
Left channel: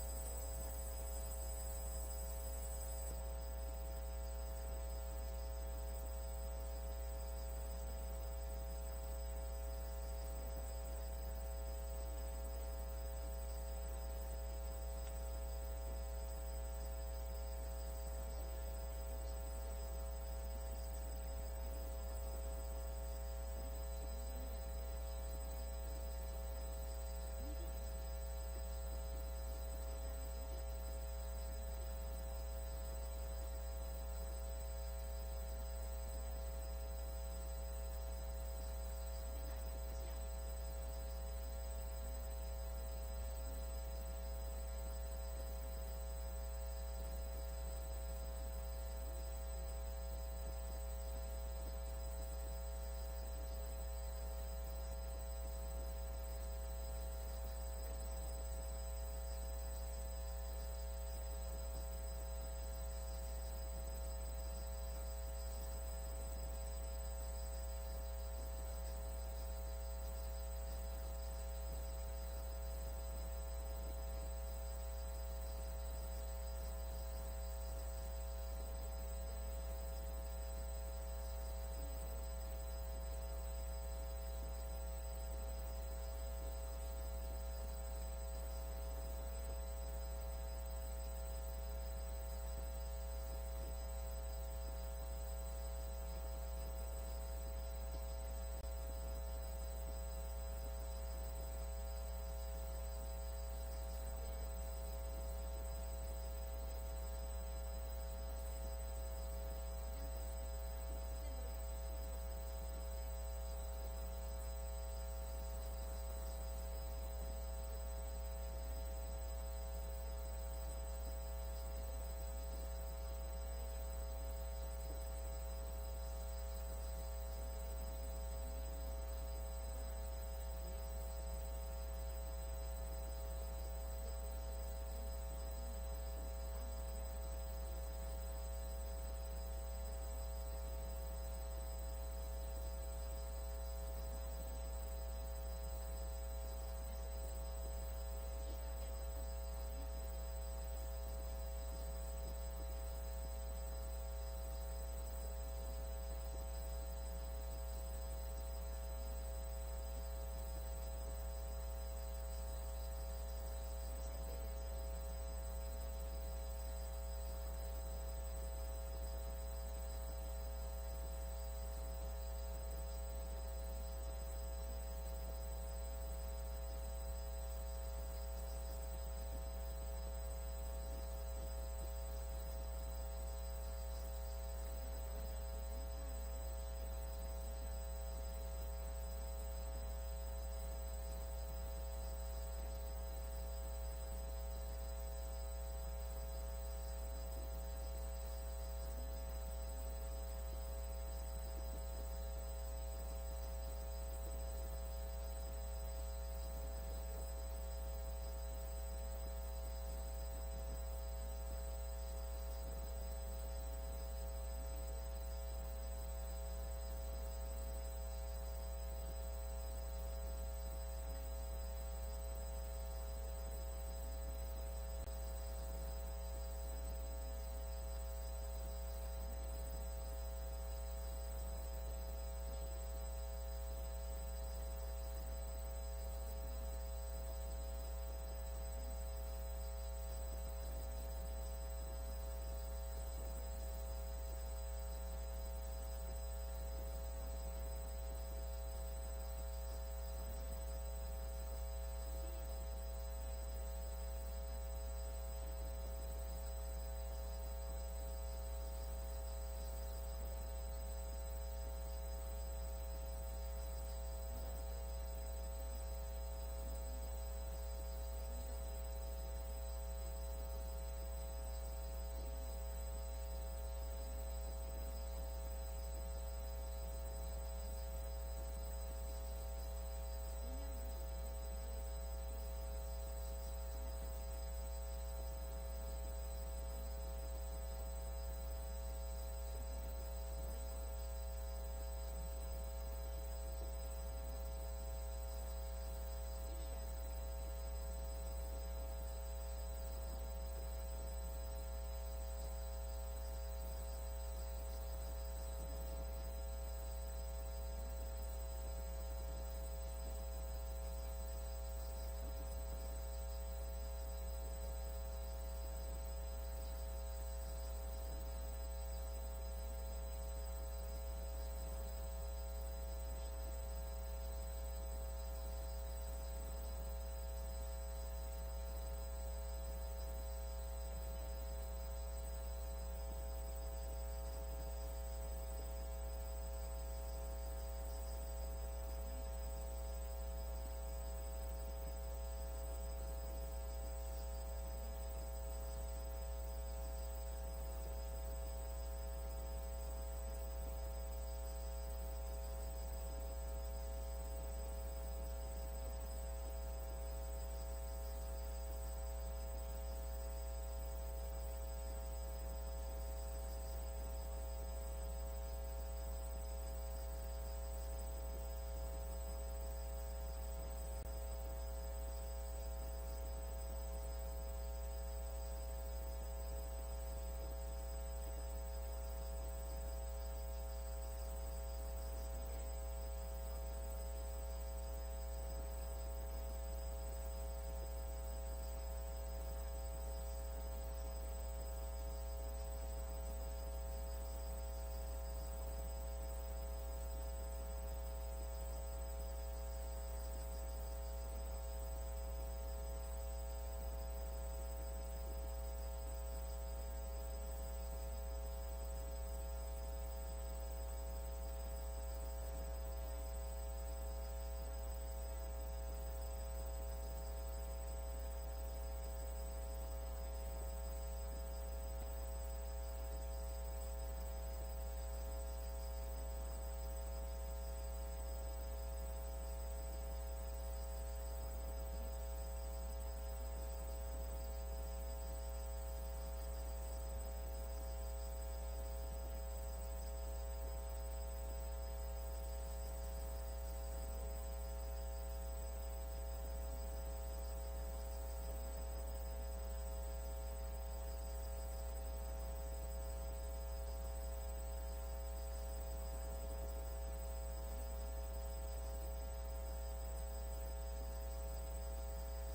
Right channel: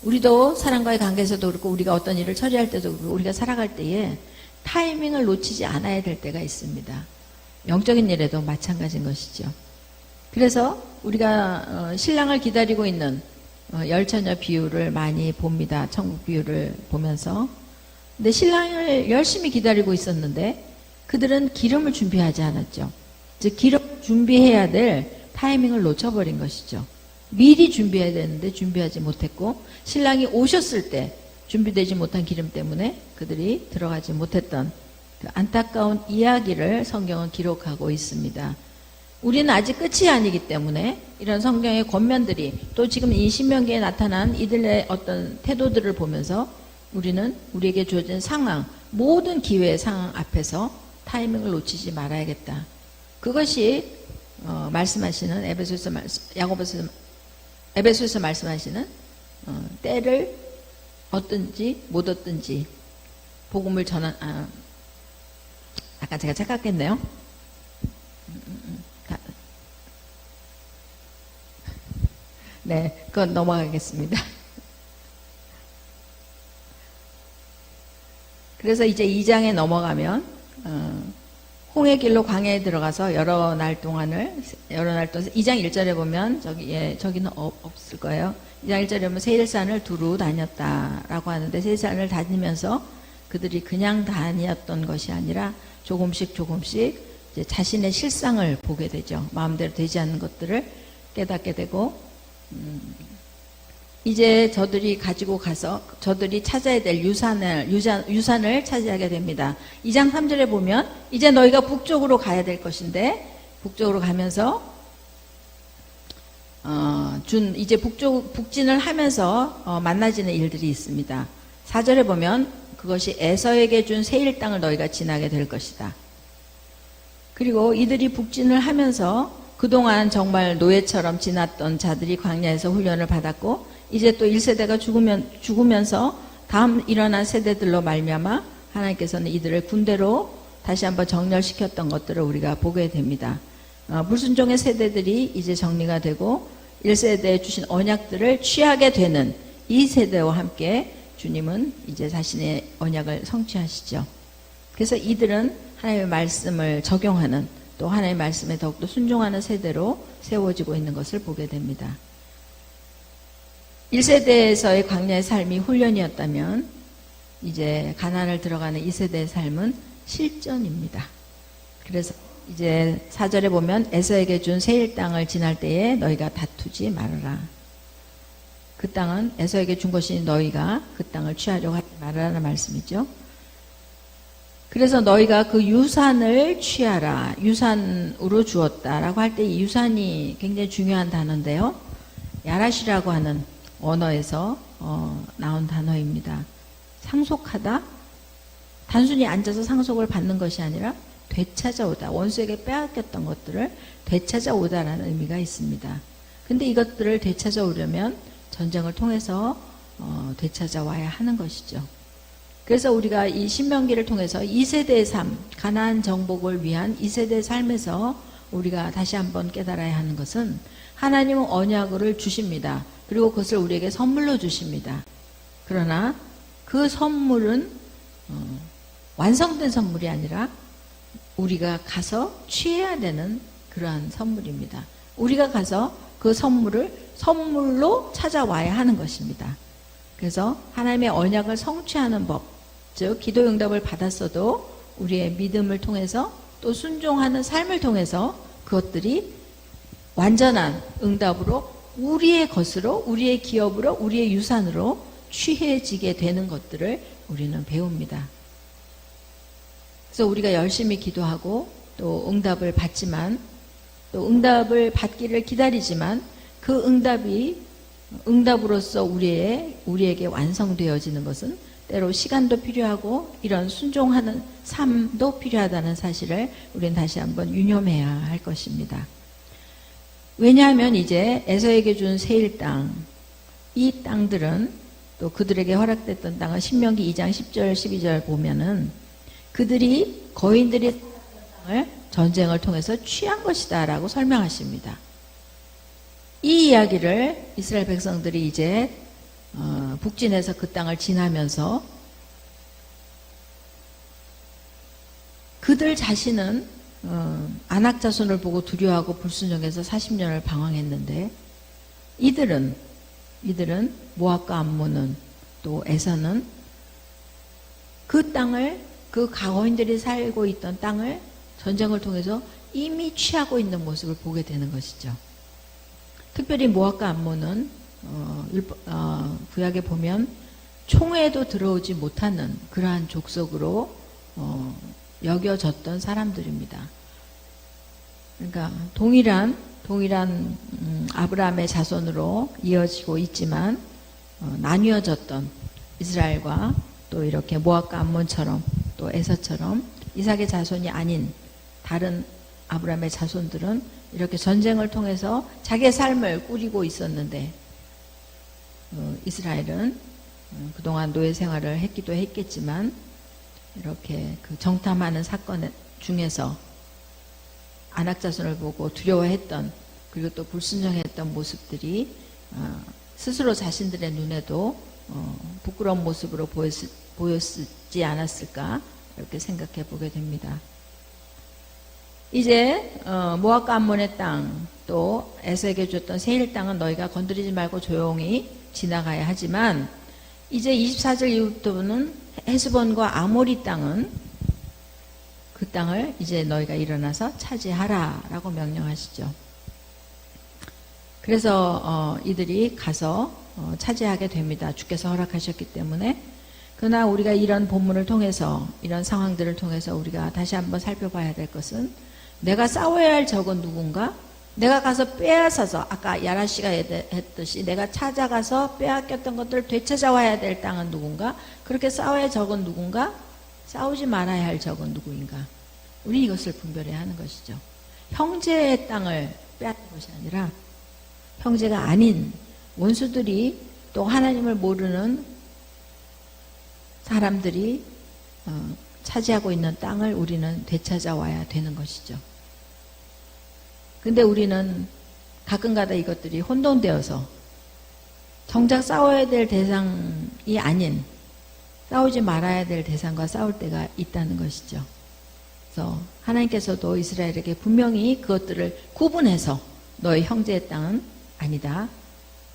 우리도 사람과의 관계에서도 그렇고 우리가 어떤 일을 처리할 때도 그렇고 우리가 살아갈 때에 타이밍을 놓치지 않아야 될 때가 있습니다. 영적인 일에도 마찬가지인 것이죠. 그래서 우리가 신랑을 기다리고 있는 열처녀 비유를 많이 봅니다. 천국 비유를 보면서. 근데 신랑을 열심히 기다리고 있었는데 그들은 기름을 준비하지 않았죠. 즉 기름 준비해야 될 타이밍을 놓쳐버린 것이죠. 미리 준비해야 되는데 준비하지 못했고 신랑이 오셨을 때 준비되지 못한 기름 때문에 그들이 들어가지 못했던 그 안타까운 이야기를 성경은 기록하고 있습니다. 우리는 아직 끝이 아니기 때문에 이런 성경의 권면들이 또 지금 이 신명기에 나타난 이들의 어떤 태도들을 보면서 우리는 우리에게 주어진 상황, 모든 기회의 상황 앞에서 타이밍을 놓치지 말아야겠다. 그것이 말씀하시는 에베소에서 말씀하시는 때를 얻든지 못 얻든지 복음을 전한 아까 제가 착각했네요. 네, 그건 넘어가겠습니다. 그래서 이제 2장에 넘어가면 홍해 길로 광야에 들어가서 여러 날 동안 2장 1절에 보면 저기는 없을 거예요. 2장 1절에 보면 세일산을 두루 다녔다라고 하는데 세일산을 다니면서 그들이 그냥 다니었던 것이 아니라 조금씩 조금씩 이제 자신의 실상을 보게 되죠. 마음대로 되지 않는 것들을 깨닫게 되고, 이제 저들이 가지고 가서 저들이 찾아야 될 유산을 차지하게 됩니다. 2장 3절에 보면 이제 너희가 북쪽으로 가야 될 것인데, 북쪽으로 가면서 이제 북진을 하면서 만나지는 일들이 있습니다. 4절에 보면 그것이 에서에게 준 세일 땅을 너희가 지나게 될 것이다. 그리고 이들이 북진을 하면서 그동안 정말 노예처럼 지났던 자들이 광야에서 훈련을 받았고, 이제 또 1세대가 죽으면서 다음 일어난 세대들로 말미암아 하나님께서는 이들을 군대로 다시 한번 정렬시켰던 것들을 우리가 보게 됩니다. 불순종의 세대들이 이제 정리가 되고 1세대에 주신 언약들을 취하게 되는 이 세대와 함께 주님은 이제 자신의 언약을 성취하시죠. 그래서 이들은 하나님의 말씀을 적용하는, 또 하나님의 말씀에 더욱더 순종하는 세대로 세워지고 있는 것을 보게 됩니다. 1세대에서의 광야의 삶이 훈련이었다면 이제 가나안을 들어가는 2세대의 삶은 실전입니다. 그래서 이제 4절에 보면 에서에게 준 세일 땅을 지날 때에 너희가 다투지 말아라. 그 땅은 에서에게 준 것이 너희가 그 땅을 취하려고 하지 말아라는 말씀이죠. 그래서 너희가 그 유산을 취하라. 유산으로 주었다라고 할 때 이 유산이 굉장히 중요한 단어인데요. 야라시라고 하는 언어에서 나온 단어입니다. 상속하다, 단순히 앉아서 상속을 받는 것이 아니라 되찾아오다, 원수에게 빼앗겼던 것들을 되찾아오다라는 의미가 있습니다. 근데 이것들을 되찾아오려면 전쟁을 통해서 되찾아와야 하는 것이죠. 그래서 우리가 이 신명기를 통해서 2세대의 삶, 가나안 정복을 위한 2세대의 삶에서 우리가 다시 한번 깨달아야 하는 것은 하나님은 언약을 주십니다. 그리고 그것을 우리에게 선물로 주십니다. 그러나 그 선물은 완성된 선물이 아니라 우리가 가서 취해야 되는 그러한 선물입니다. 우리가 가서 그 선물을 선물로 찾아와야 하는 것입니다. 그래서 하나님의 언약을 성취하는 법, 즉 기도 응답을 받았어도 우리의 믿음을 통해서 또 순종하는 삶을 통해서 그것들이 완전한 응답으로 우리의 것으로, 우리의 기업으로, 우리의 유산으로 취해지게 되는 것들을 우리는 배웁니다. 그래서 우리가 열심히 기도하고 또 응답을 받지만, 또 응답을 받기를 기다리지만 그 응답이 응답으로서 우리에게 완성되어지는 것은 때로 시간도 필요하고 이런 순종하는 삶도 필요하다는 사실을 우리는 다시 한번 유념해야 할 것입니다. 왜냐하면 이제 에서에게 준 세일 땅, 이 땅들은 또 그들에게 허락됐던 땅은 신명기 2장 10절 12절 보면은 그들이 거인들이 땅을 전쟁을 통해서 취한 것이다 라고 설명하십니다. 이 이야기를 이스라엘 백성들이 이제 북진해서 그 땅을 지나면서 그들 자신은 아낙 자손을 보고 두려워하고 불순종해서 40년을 방황했는데, 이들은 모압과 암몬은 또 에서는 그 땅을, 그 가거인들이 살고 있던 땅을 전쟁을 통해서 이미 취하고 있는 모습을 보게 되는 것이죠. 특별히 모압과 암몬은 구약에 보면 총회에도 들어오지 못하는 그러한 족속으로 여겨졌던 사람들입니다. 그러니까 동일한 아브라함의 자손으로 이어지고 있지만 나뉘어졌던 이스라엘과 또 이렇게 모압과 암몬처럼 또 에서처럼 이삭의 자손이 아닌 다른 아브라함의 자손들은 이렇게 전쟁을 통해서 자기의 삶을 꾸리고 있었는데, 이스라엘은 그동안 노예 생활을 했기도 했겠지만 이렇게 그 정탐하는 사건 중에서 아낙 자손을 보고 두려워했던, 그리고 또 불순종했던 모습들이 스스로 자신들의 눈에도 부끄러운 모습으로 보였지 않았을까, 이렇게 생각해 보게 됩니다. 이제 모압과 암몬의 땅, 또 에서에게 줬던 세일 땅은 너희가 건드리지 말고 조용히 지나가야 하지만, 이제 24절 이후부터는 헤스본과 아모리 땅은 그 땅을 이제 너희가 일어나서 차지하라라고 명령하시죠. 그래서 이들이 가서 차지하게 됩니다. 주께서 허락하셨기 때문에. 그러나 우리가 이런 본문을 통해서, 이런 상황들을 통해서 우리가 다시 한번 살펴봐야 될 것은, 내가 싸워야 할 적은 누군가? 내가 가서 빼앗아서, 아까 야라 씨가 했듯이 내가 찾아가서 빼앗겼던 것들을 되찾아와야 될 땅은 누군가? 그렇게 싸워야 할 적은 누군가? 싸우지 말아야 할 적은 누구인가? 우리 이것을 분별해야 하는 것이죠. 형제의 땅을 빼앗는 것이 아니라 형제가 아닌 원수들이, 또 하나님을 모르는 사람들이 차지하고 있는 땅을 우리는 되찾아와야 되는 것이죠. 근데 우리는 가끔가다 이것들이 혼돈되어서 정작 싸워야 될 대상이 아닌, 싸우지 말아야 될 대상과 싸울 때가 있다는 것이죠. 그래서 하나님께서도 이스라엘에게 분명히 그것들을 구분해서 너희 형제의 땅은 아니다,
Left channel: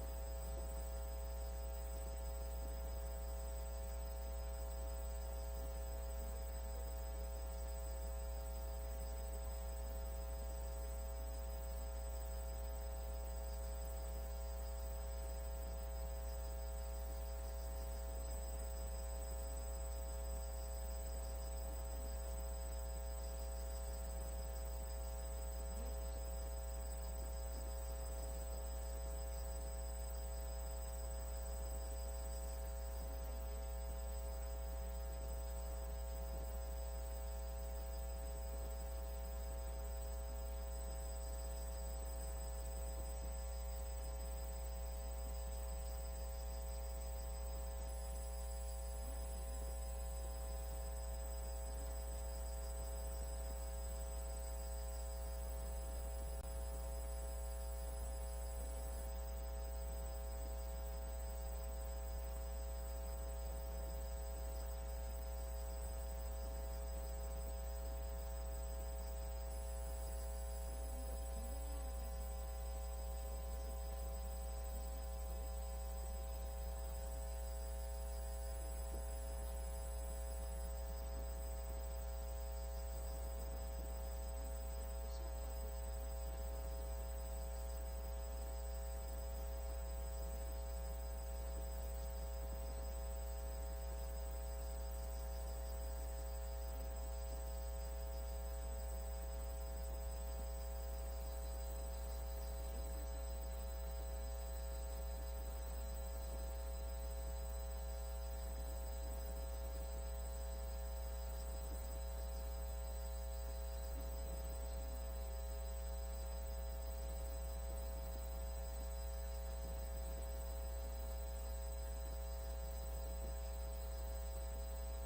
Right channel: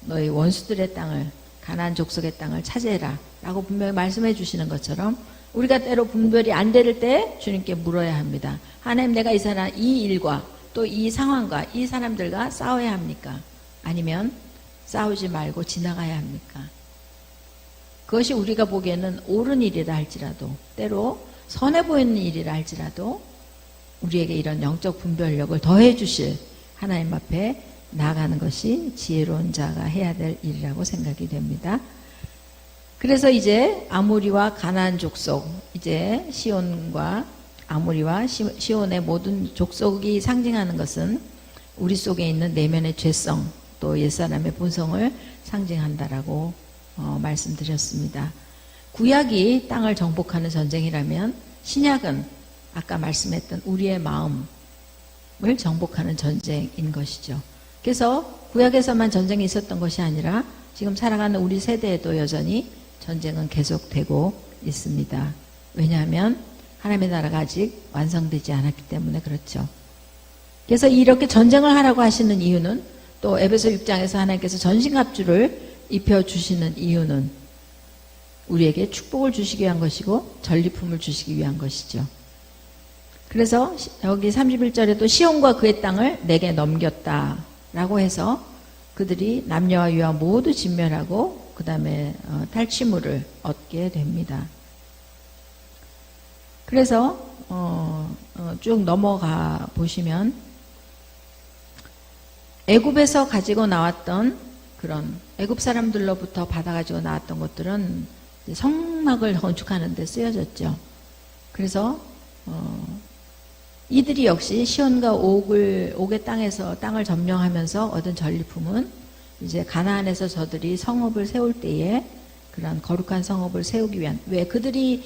너희 원수들의 땅을, 가나안 족속의 땅을 차지해라 라고 분명히 말씀해 주시는 것처럼, 우리가 때로 분별이 안 될 때 주님께 물어야 합니다. 하나님, 내가 이 일과 또 이 상황과 이 사람들과 싸워야 합니까? 아니면 싸우지 말고 지나가야 합니까? 그것이 우리가 보기에는 옳은 일이라 할지라도, 때로 선해 보이는 일이라 할지라도 우리에게 이런 영적 분별력을 더해 주실 하나님 앞에 나아가는 것이 지혜로운 자가 해야 될 일이라고 생각이 됩니다. 그래서 이제 아모리와 가나안 족속, 이제 시온과 아모리와 시온의 모든 족속이 상징하는 것은 우리 속에 있는 내면의 죄성, 또 옛사람의 본성을 상징한다라고 말씀드렸습니다. 구약이 땅을 정복하는 전쟁이라면 신약은 아까 말씀했던 우리의 마음을 정복하는 전쟁인 것이죠. 그래서 구약에서만 전쟁이 있었던 것이 아니라 지금 살아가는 우리 세대에도 여전히 전쟁은 계속되고 있습니다. 왜냐하면 하나님의 나라가 아직 완성되지 않았기 때문에 그렇죠. 그래서 이렇게 전쟁을 하라고 하시는 이유는, 또 에베소 6장에서 하나님께서 전신갑주를 입혀주시는 이유는 우리에게 축복을 주시기 위한 것이고 전리품을 주시기 위한 것이죠. 그래서 여기 31절에도 시온과 그의 땅을 내게 넘겼다 라고 해서 그들이 남녀와 유아 모두 진멸하고 그 다음에 탈취물을 얻게 됩니다. 그래서 쭉 넘어가 보시면 애굽에서 가지고 나왔던 그런 애굽 사람들로부터 받아가지고 나왔던 것들은 성막을 건축하는 데 쓰여졌죠. 그래서 이들이 역시 시온과 옥의 땅에서 땅을 점령하면서 얻은 전리품은 이제 가나안에서 저들이 성읍을 세울 때에 그런 거룩한 성읍을 세우기 위한, 왜 그들이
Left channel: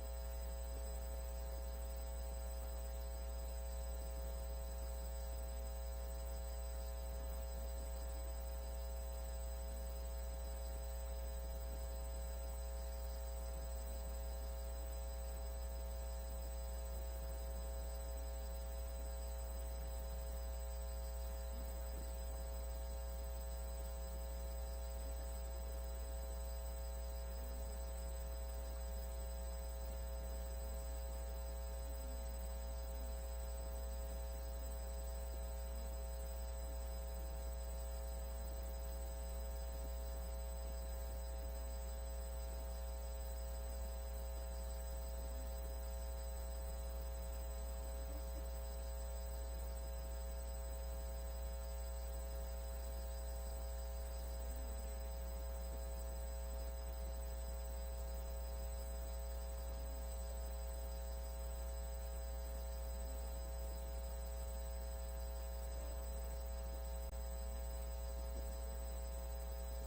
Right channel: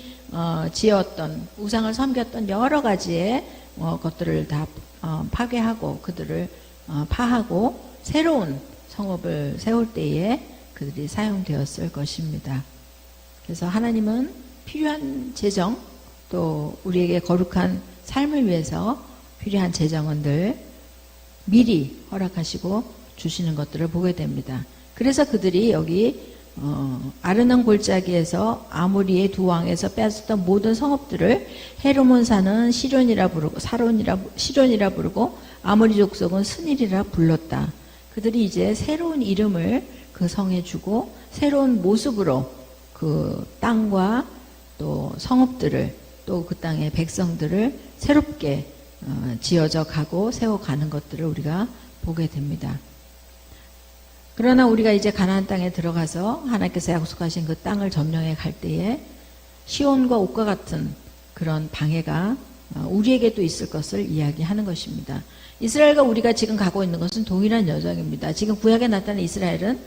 지었던 우상을 섬겼던 여러 가지의 것들을 다 파괴하고 그들을 파하고 새로운 성읍을 세울 때에 그들이 사용되었을 것입니다. 그래서 하나님은 필요한 재정, 또 우리에게 거룩한 삶을 위해서 필요한 재정은 늘 미리 허락하시고 주시는 것들을 보게 됩니다. 그래서 그들이 여기 아르논 골짜기에서 아모리의 두 왕에서 뺏었던 모든 성읍들을 헤르몬산은 시론이라 부르고 시론이라 부르고 아모리 족속은 스닐이라 불렀다. 그들이 이제 새로운 이름을 그 성에 주고 새로운 모습으로 그 땅과 또 성읍들을, 또 그 땅의 백성들을 새롭게 지어져 가고 세워가는 것들을 우리가 보게 됩니다. 그러나 우리가 이제 가나안 땅에 들어가서 하나님께서 약속하신 그 땅을 점령해 갈 때에 시온과 옥과 같은 그런 방해가 우리에게도 있을 것을 이야기하는 것입니다. 이스라엘과 우리가 지금 가고 있는 것은 동일한 여정입니다. 지금 구약에 나타난 이스라엘은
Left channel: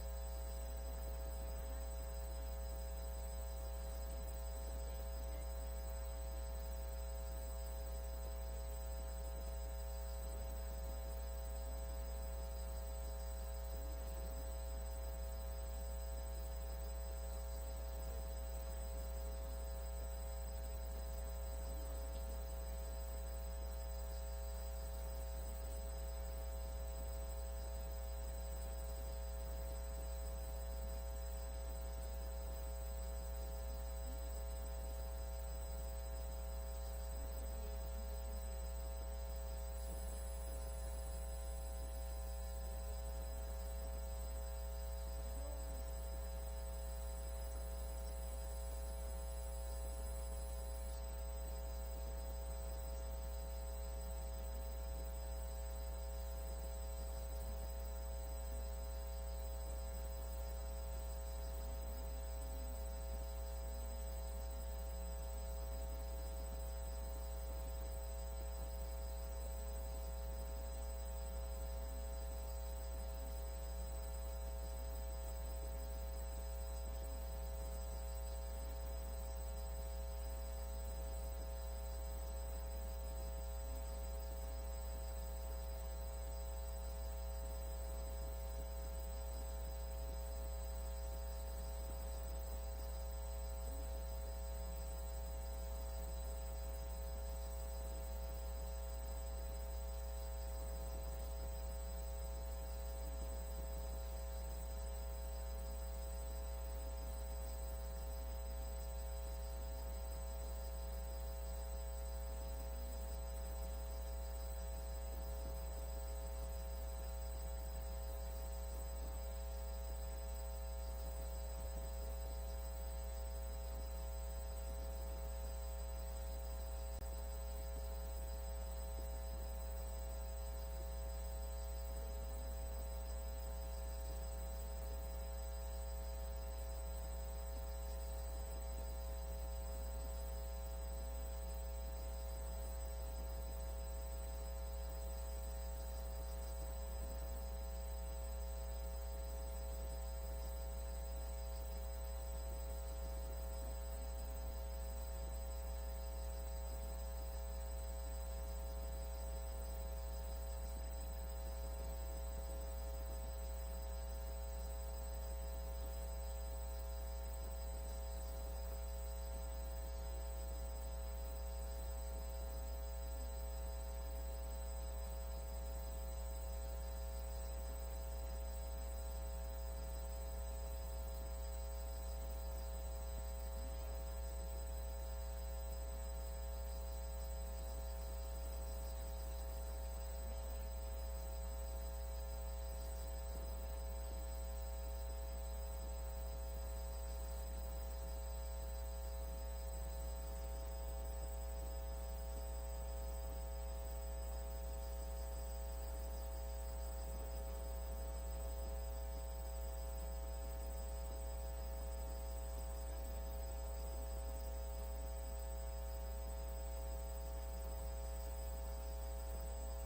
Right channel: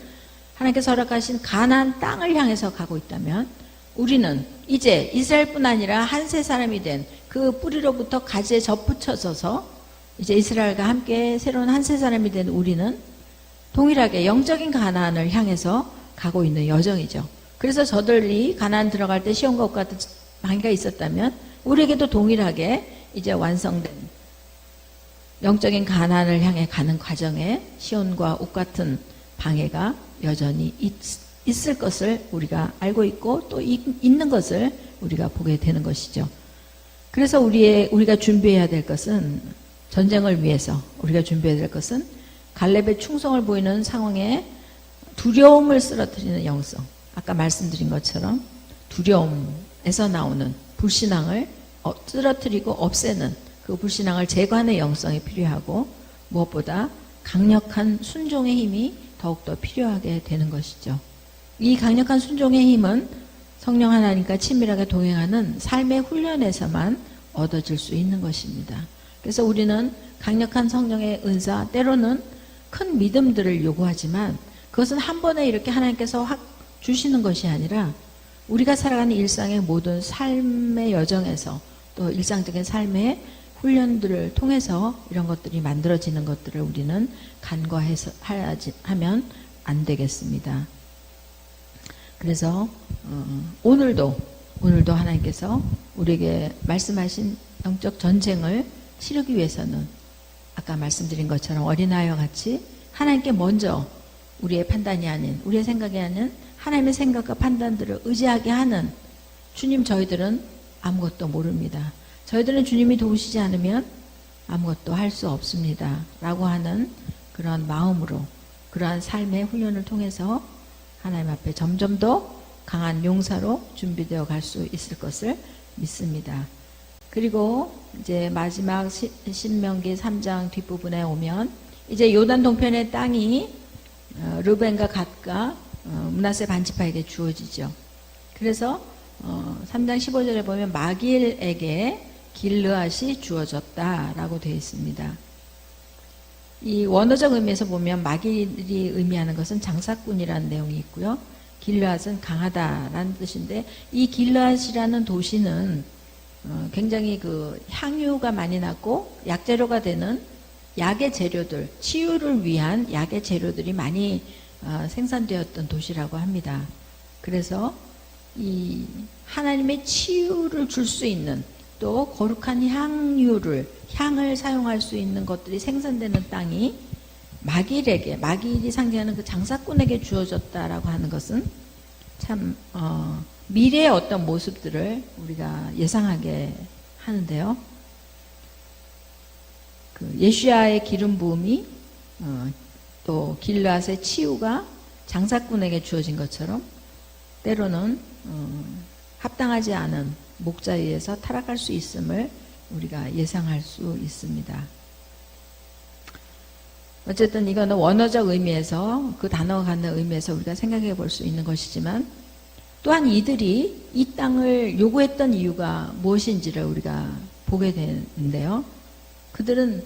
하나님께서 허락하신 가나안 땅을 향해서 가고 있다면, 우리는 이제 이스라엘뿐 아니라 한세 사람이 된 그 뿌리로부터 가지에 접붙여져서 이제 이스라엘과 함께 새로운 한세 사람이 된 우리는 동일하게 영적인 가나안을 향해서 가고 있는 여정이죠. 그래서 저들이 가나안 들어갈 때 시온과 옥 같은 방해가 있었다면 우리에게도 동일하게 이제 완성된 영적인 가나안을 향해 가는 과정에 시온과 옥 같은 방해가 여전히 있을 것을 우리가 알고 있고 또 있는 것을 우리가 보게 되는 것이죠. 그래서 우리가 준비해야 될 것은 전쟁을 위해서 우리가 준비해야 될 것은 갈렙의 충성을 보이는 상황에 두려움을 쓰러뜨리는 영성. 아까 말씀드린 것처럼 두려움에서 나오는 불신앙을 쓰러뜨리고 없애는 그 불신앙을 제거하는 영성이 필요하고 무엇보다 강력한 순종의 힘이 더욱더 필요하게 되는 것이죠. 이 강력한 순종의 힘은 성령 하나님과 친밀하게 동행하는 삶의 훈련에서만 얻어질 수 있는 것입니다. 그래서 우리는 강력한 성령의 은사, 때로는 큰 믿음들을 요구하지만 그것은 한 번에 이렇게 하나님께서 확 주시는 것이 아니라 우리가 살아가는 일상의 모든 삶의 여정에서 또 일상적인 삶의 훈련들을 통해서 이런 것들이 만들어지는 것들을 우리는 간과해서 하면 안 되겠습니다. 그래서 오늘도 하나님께서 우리에게 말씀하신 영적 전쟁을 치르기 위해서는 아까 말씀드린 것처럼 어린아이와 같이 하나님께 먼저 우리의 판단이 아닌 우리의 생각이 아닌 하나님의 생각과 판단들을 의지하게 하는 주님, 저희들은 아무것도 모릅니다. 저희들은 주님이 도우시지 않으면 아무것도 할 수 없습니다. 라고 하는 그런 마음으로 그러한 삶의 훈련을 통해서 하나님 앞에 점점 더 강한 용사로 준비되어 갈 수 있을 것을 믿습니다. 그리고 이제 마지막 신명기 3장 뒷부분에 오면 이제 요단 동편의 땅이 르벤과 갓과 므낫세 반지파에게 주어지죠. 그래서 3장 15절에 보면 마길에게 길르앗이 주어졌다라고 되어 있습니다. 이 원어적 의미에서 보면 마길이 의미하는 것은 장사꾼이라는 내용이 있고요. 길르앗은 강하다라는 뜻인데 이 길르앗이라는 도시는 굉장히 그 향유가 많이 났고 약재료가 되는 약의 재료들, 치유를 위한 약의 재료들이 많이 생산되었던 도시라고 합니다. 그래서 이 하나님의 치유를 줄 수 있는 또 거룩한 향을 사용할 수 있는 것들이 생산되는 땅이 마길이 상징하는 그 장사꾼에게 주어졌다라고 하는 것은 참 미래의 어떤 모습들을 우리가 예상하게 하는데요. 그 예수야의 기름 부음이 또 길르앗의 치유가 장사꾼에게 주어진 것처럼 때로는 합당하지 않은 목자리에서 타락할 수 있음을 우리가 예상할 수 있습니다. 어쨌든 이거는 원어적 의미에서 그 단어가 갖는 의미에서 우리가 생각해 볼 수 있는 것이지만 또한 이들이 이 땅을 요구했던 이유가 무엇인지를 우리가 보게 되는데요. 그들은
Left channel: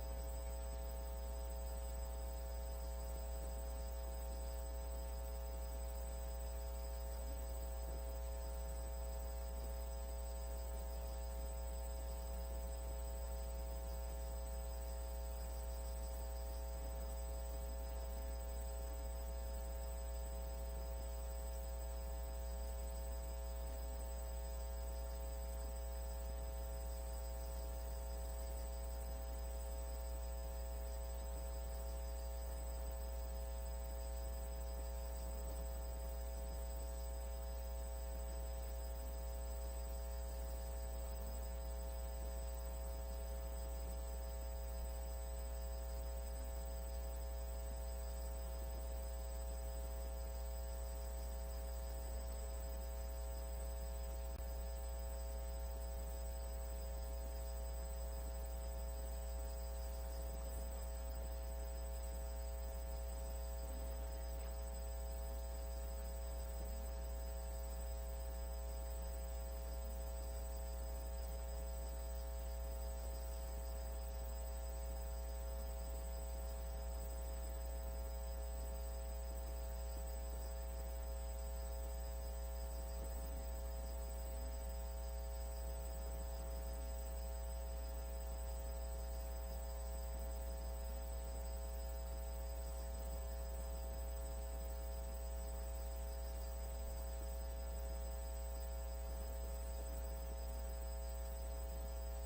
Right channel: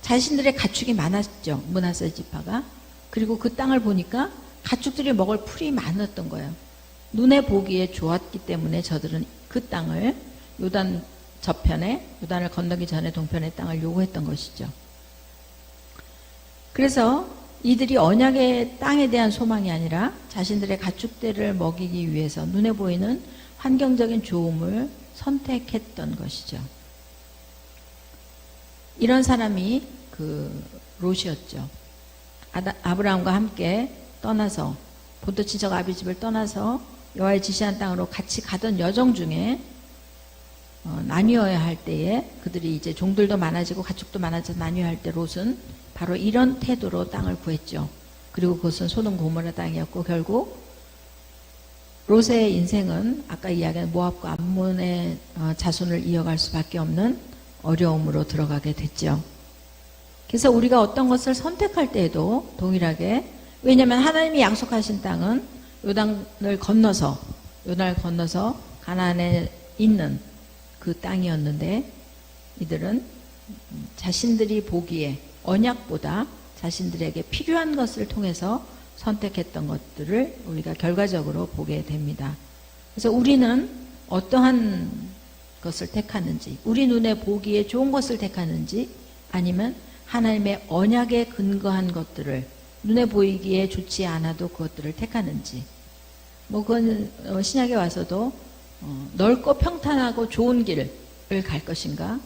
자신들의 가축이 많았죠. 므낫세 지파가. 그리고 그 땅을 보니까 가축들이 먹을 풀이 많았던 거예요. 눈에 보기에 좋았기 때문에 저들은 그 땅을 요단 저편에, 요단을 건너기 전에 동편의 땅을 요구했던 것이죠. 그래서 이들이 언약의 땅에 대한 소망이 아니라 자신들의 가축들을 먹이기 위해서 눈에 보이는 환경적인 좋음을 선택했던 것이죠. 이런 사람이 그 롯이었죠. 아브라함과 함께 떠나서 본토 친척 아비 집을 떠나서 여호와의 지시한 땅으로 같이 가던 여정 중에 나뉘어야 할 때에 그들이 이제 종들도 많아지고 가축도 많아져서 나뉘어야 할 때 롯은 바로 이런 태도로 땅을 구했죠. 그리고 그것은 소돔 고모라 땅이었고 결국 롯의 인생은 아까 이야기한 모압과 암몬의 자손을 이어갈 수밖에 없는 어려움으로 들어가게 됐죠. 그래서 우리가 어떤 것을 선택할 때에도 동일하게, 왜냐하면 하나님이 약속하신 땅은 요단을 건너서 가나안에 있는 그 땅이었는데 이들은 자신들이 보기에 언약보다 자신들에게 필요한 것을 통해서 선택했던 것들을 우리가 결과적으로 보게 됩니다. 그래서 우리는 어떠한 것을 택하는지, 우리 눈에 보기에 좋은 것을 택하는지, 아니면 하나님의 언약에 근거한 것들을 눈에 보이기에 좋지 않아도 그것들을 택하는지, 그건 신약에 와서도 넓고 평탄하고 좋은 길을 갈 것인가,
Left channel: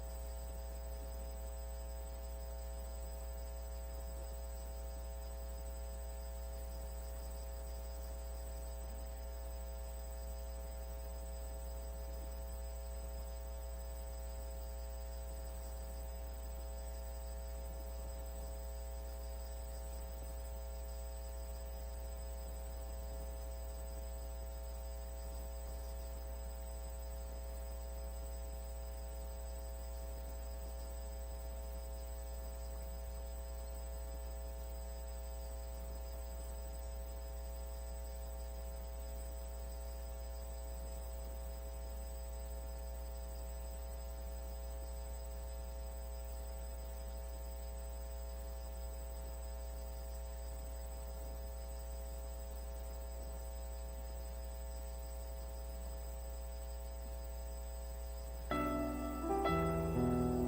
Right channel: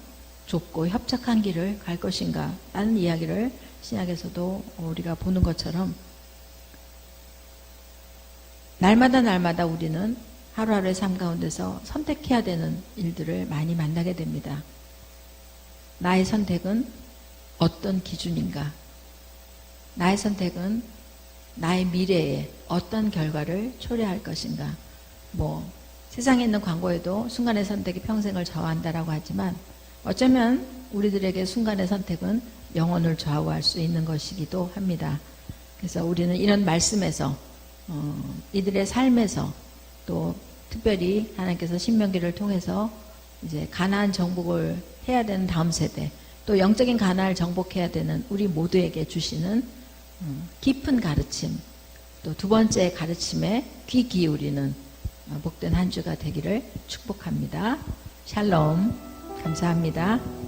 좁고 협착한 길을 갈 것인가 라는 이야기를 신약에서도 우리가 보는 것처럼 날마다 우리는 하루하루의 삶 가운데서 선택해야 되는 일들을 많이 만나게 됩니다. 나의 선택은 어떤 기준인가? 나의 선택은 나의 미래에 어떤 결과를 초래할 것인가? 세상에 있는 광고에도 순간의 선택이 평생을 좌우한다라고 하지만 어쩌면 우리들에게 순간의 선택은 영혼을 좌우할 수 있는 것이기도 합니다. 그래서 우리는 이런 말씀에서 이들의 삶에서 또 특별히 하나님께서 신명기를 통해서 이제 가나안 정복을 해야 되는 다음 세대, 또 영적인 가나안을 정복해야 되는 우리 모두에게 주시는 깊은 가르침, 또 두 번째 가르침에 귀 기울이는 복된 한 주가 되기를 축복합니다. 샬롬. 감사합니다.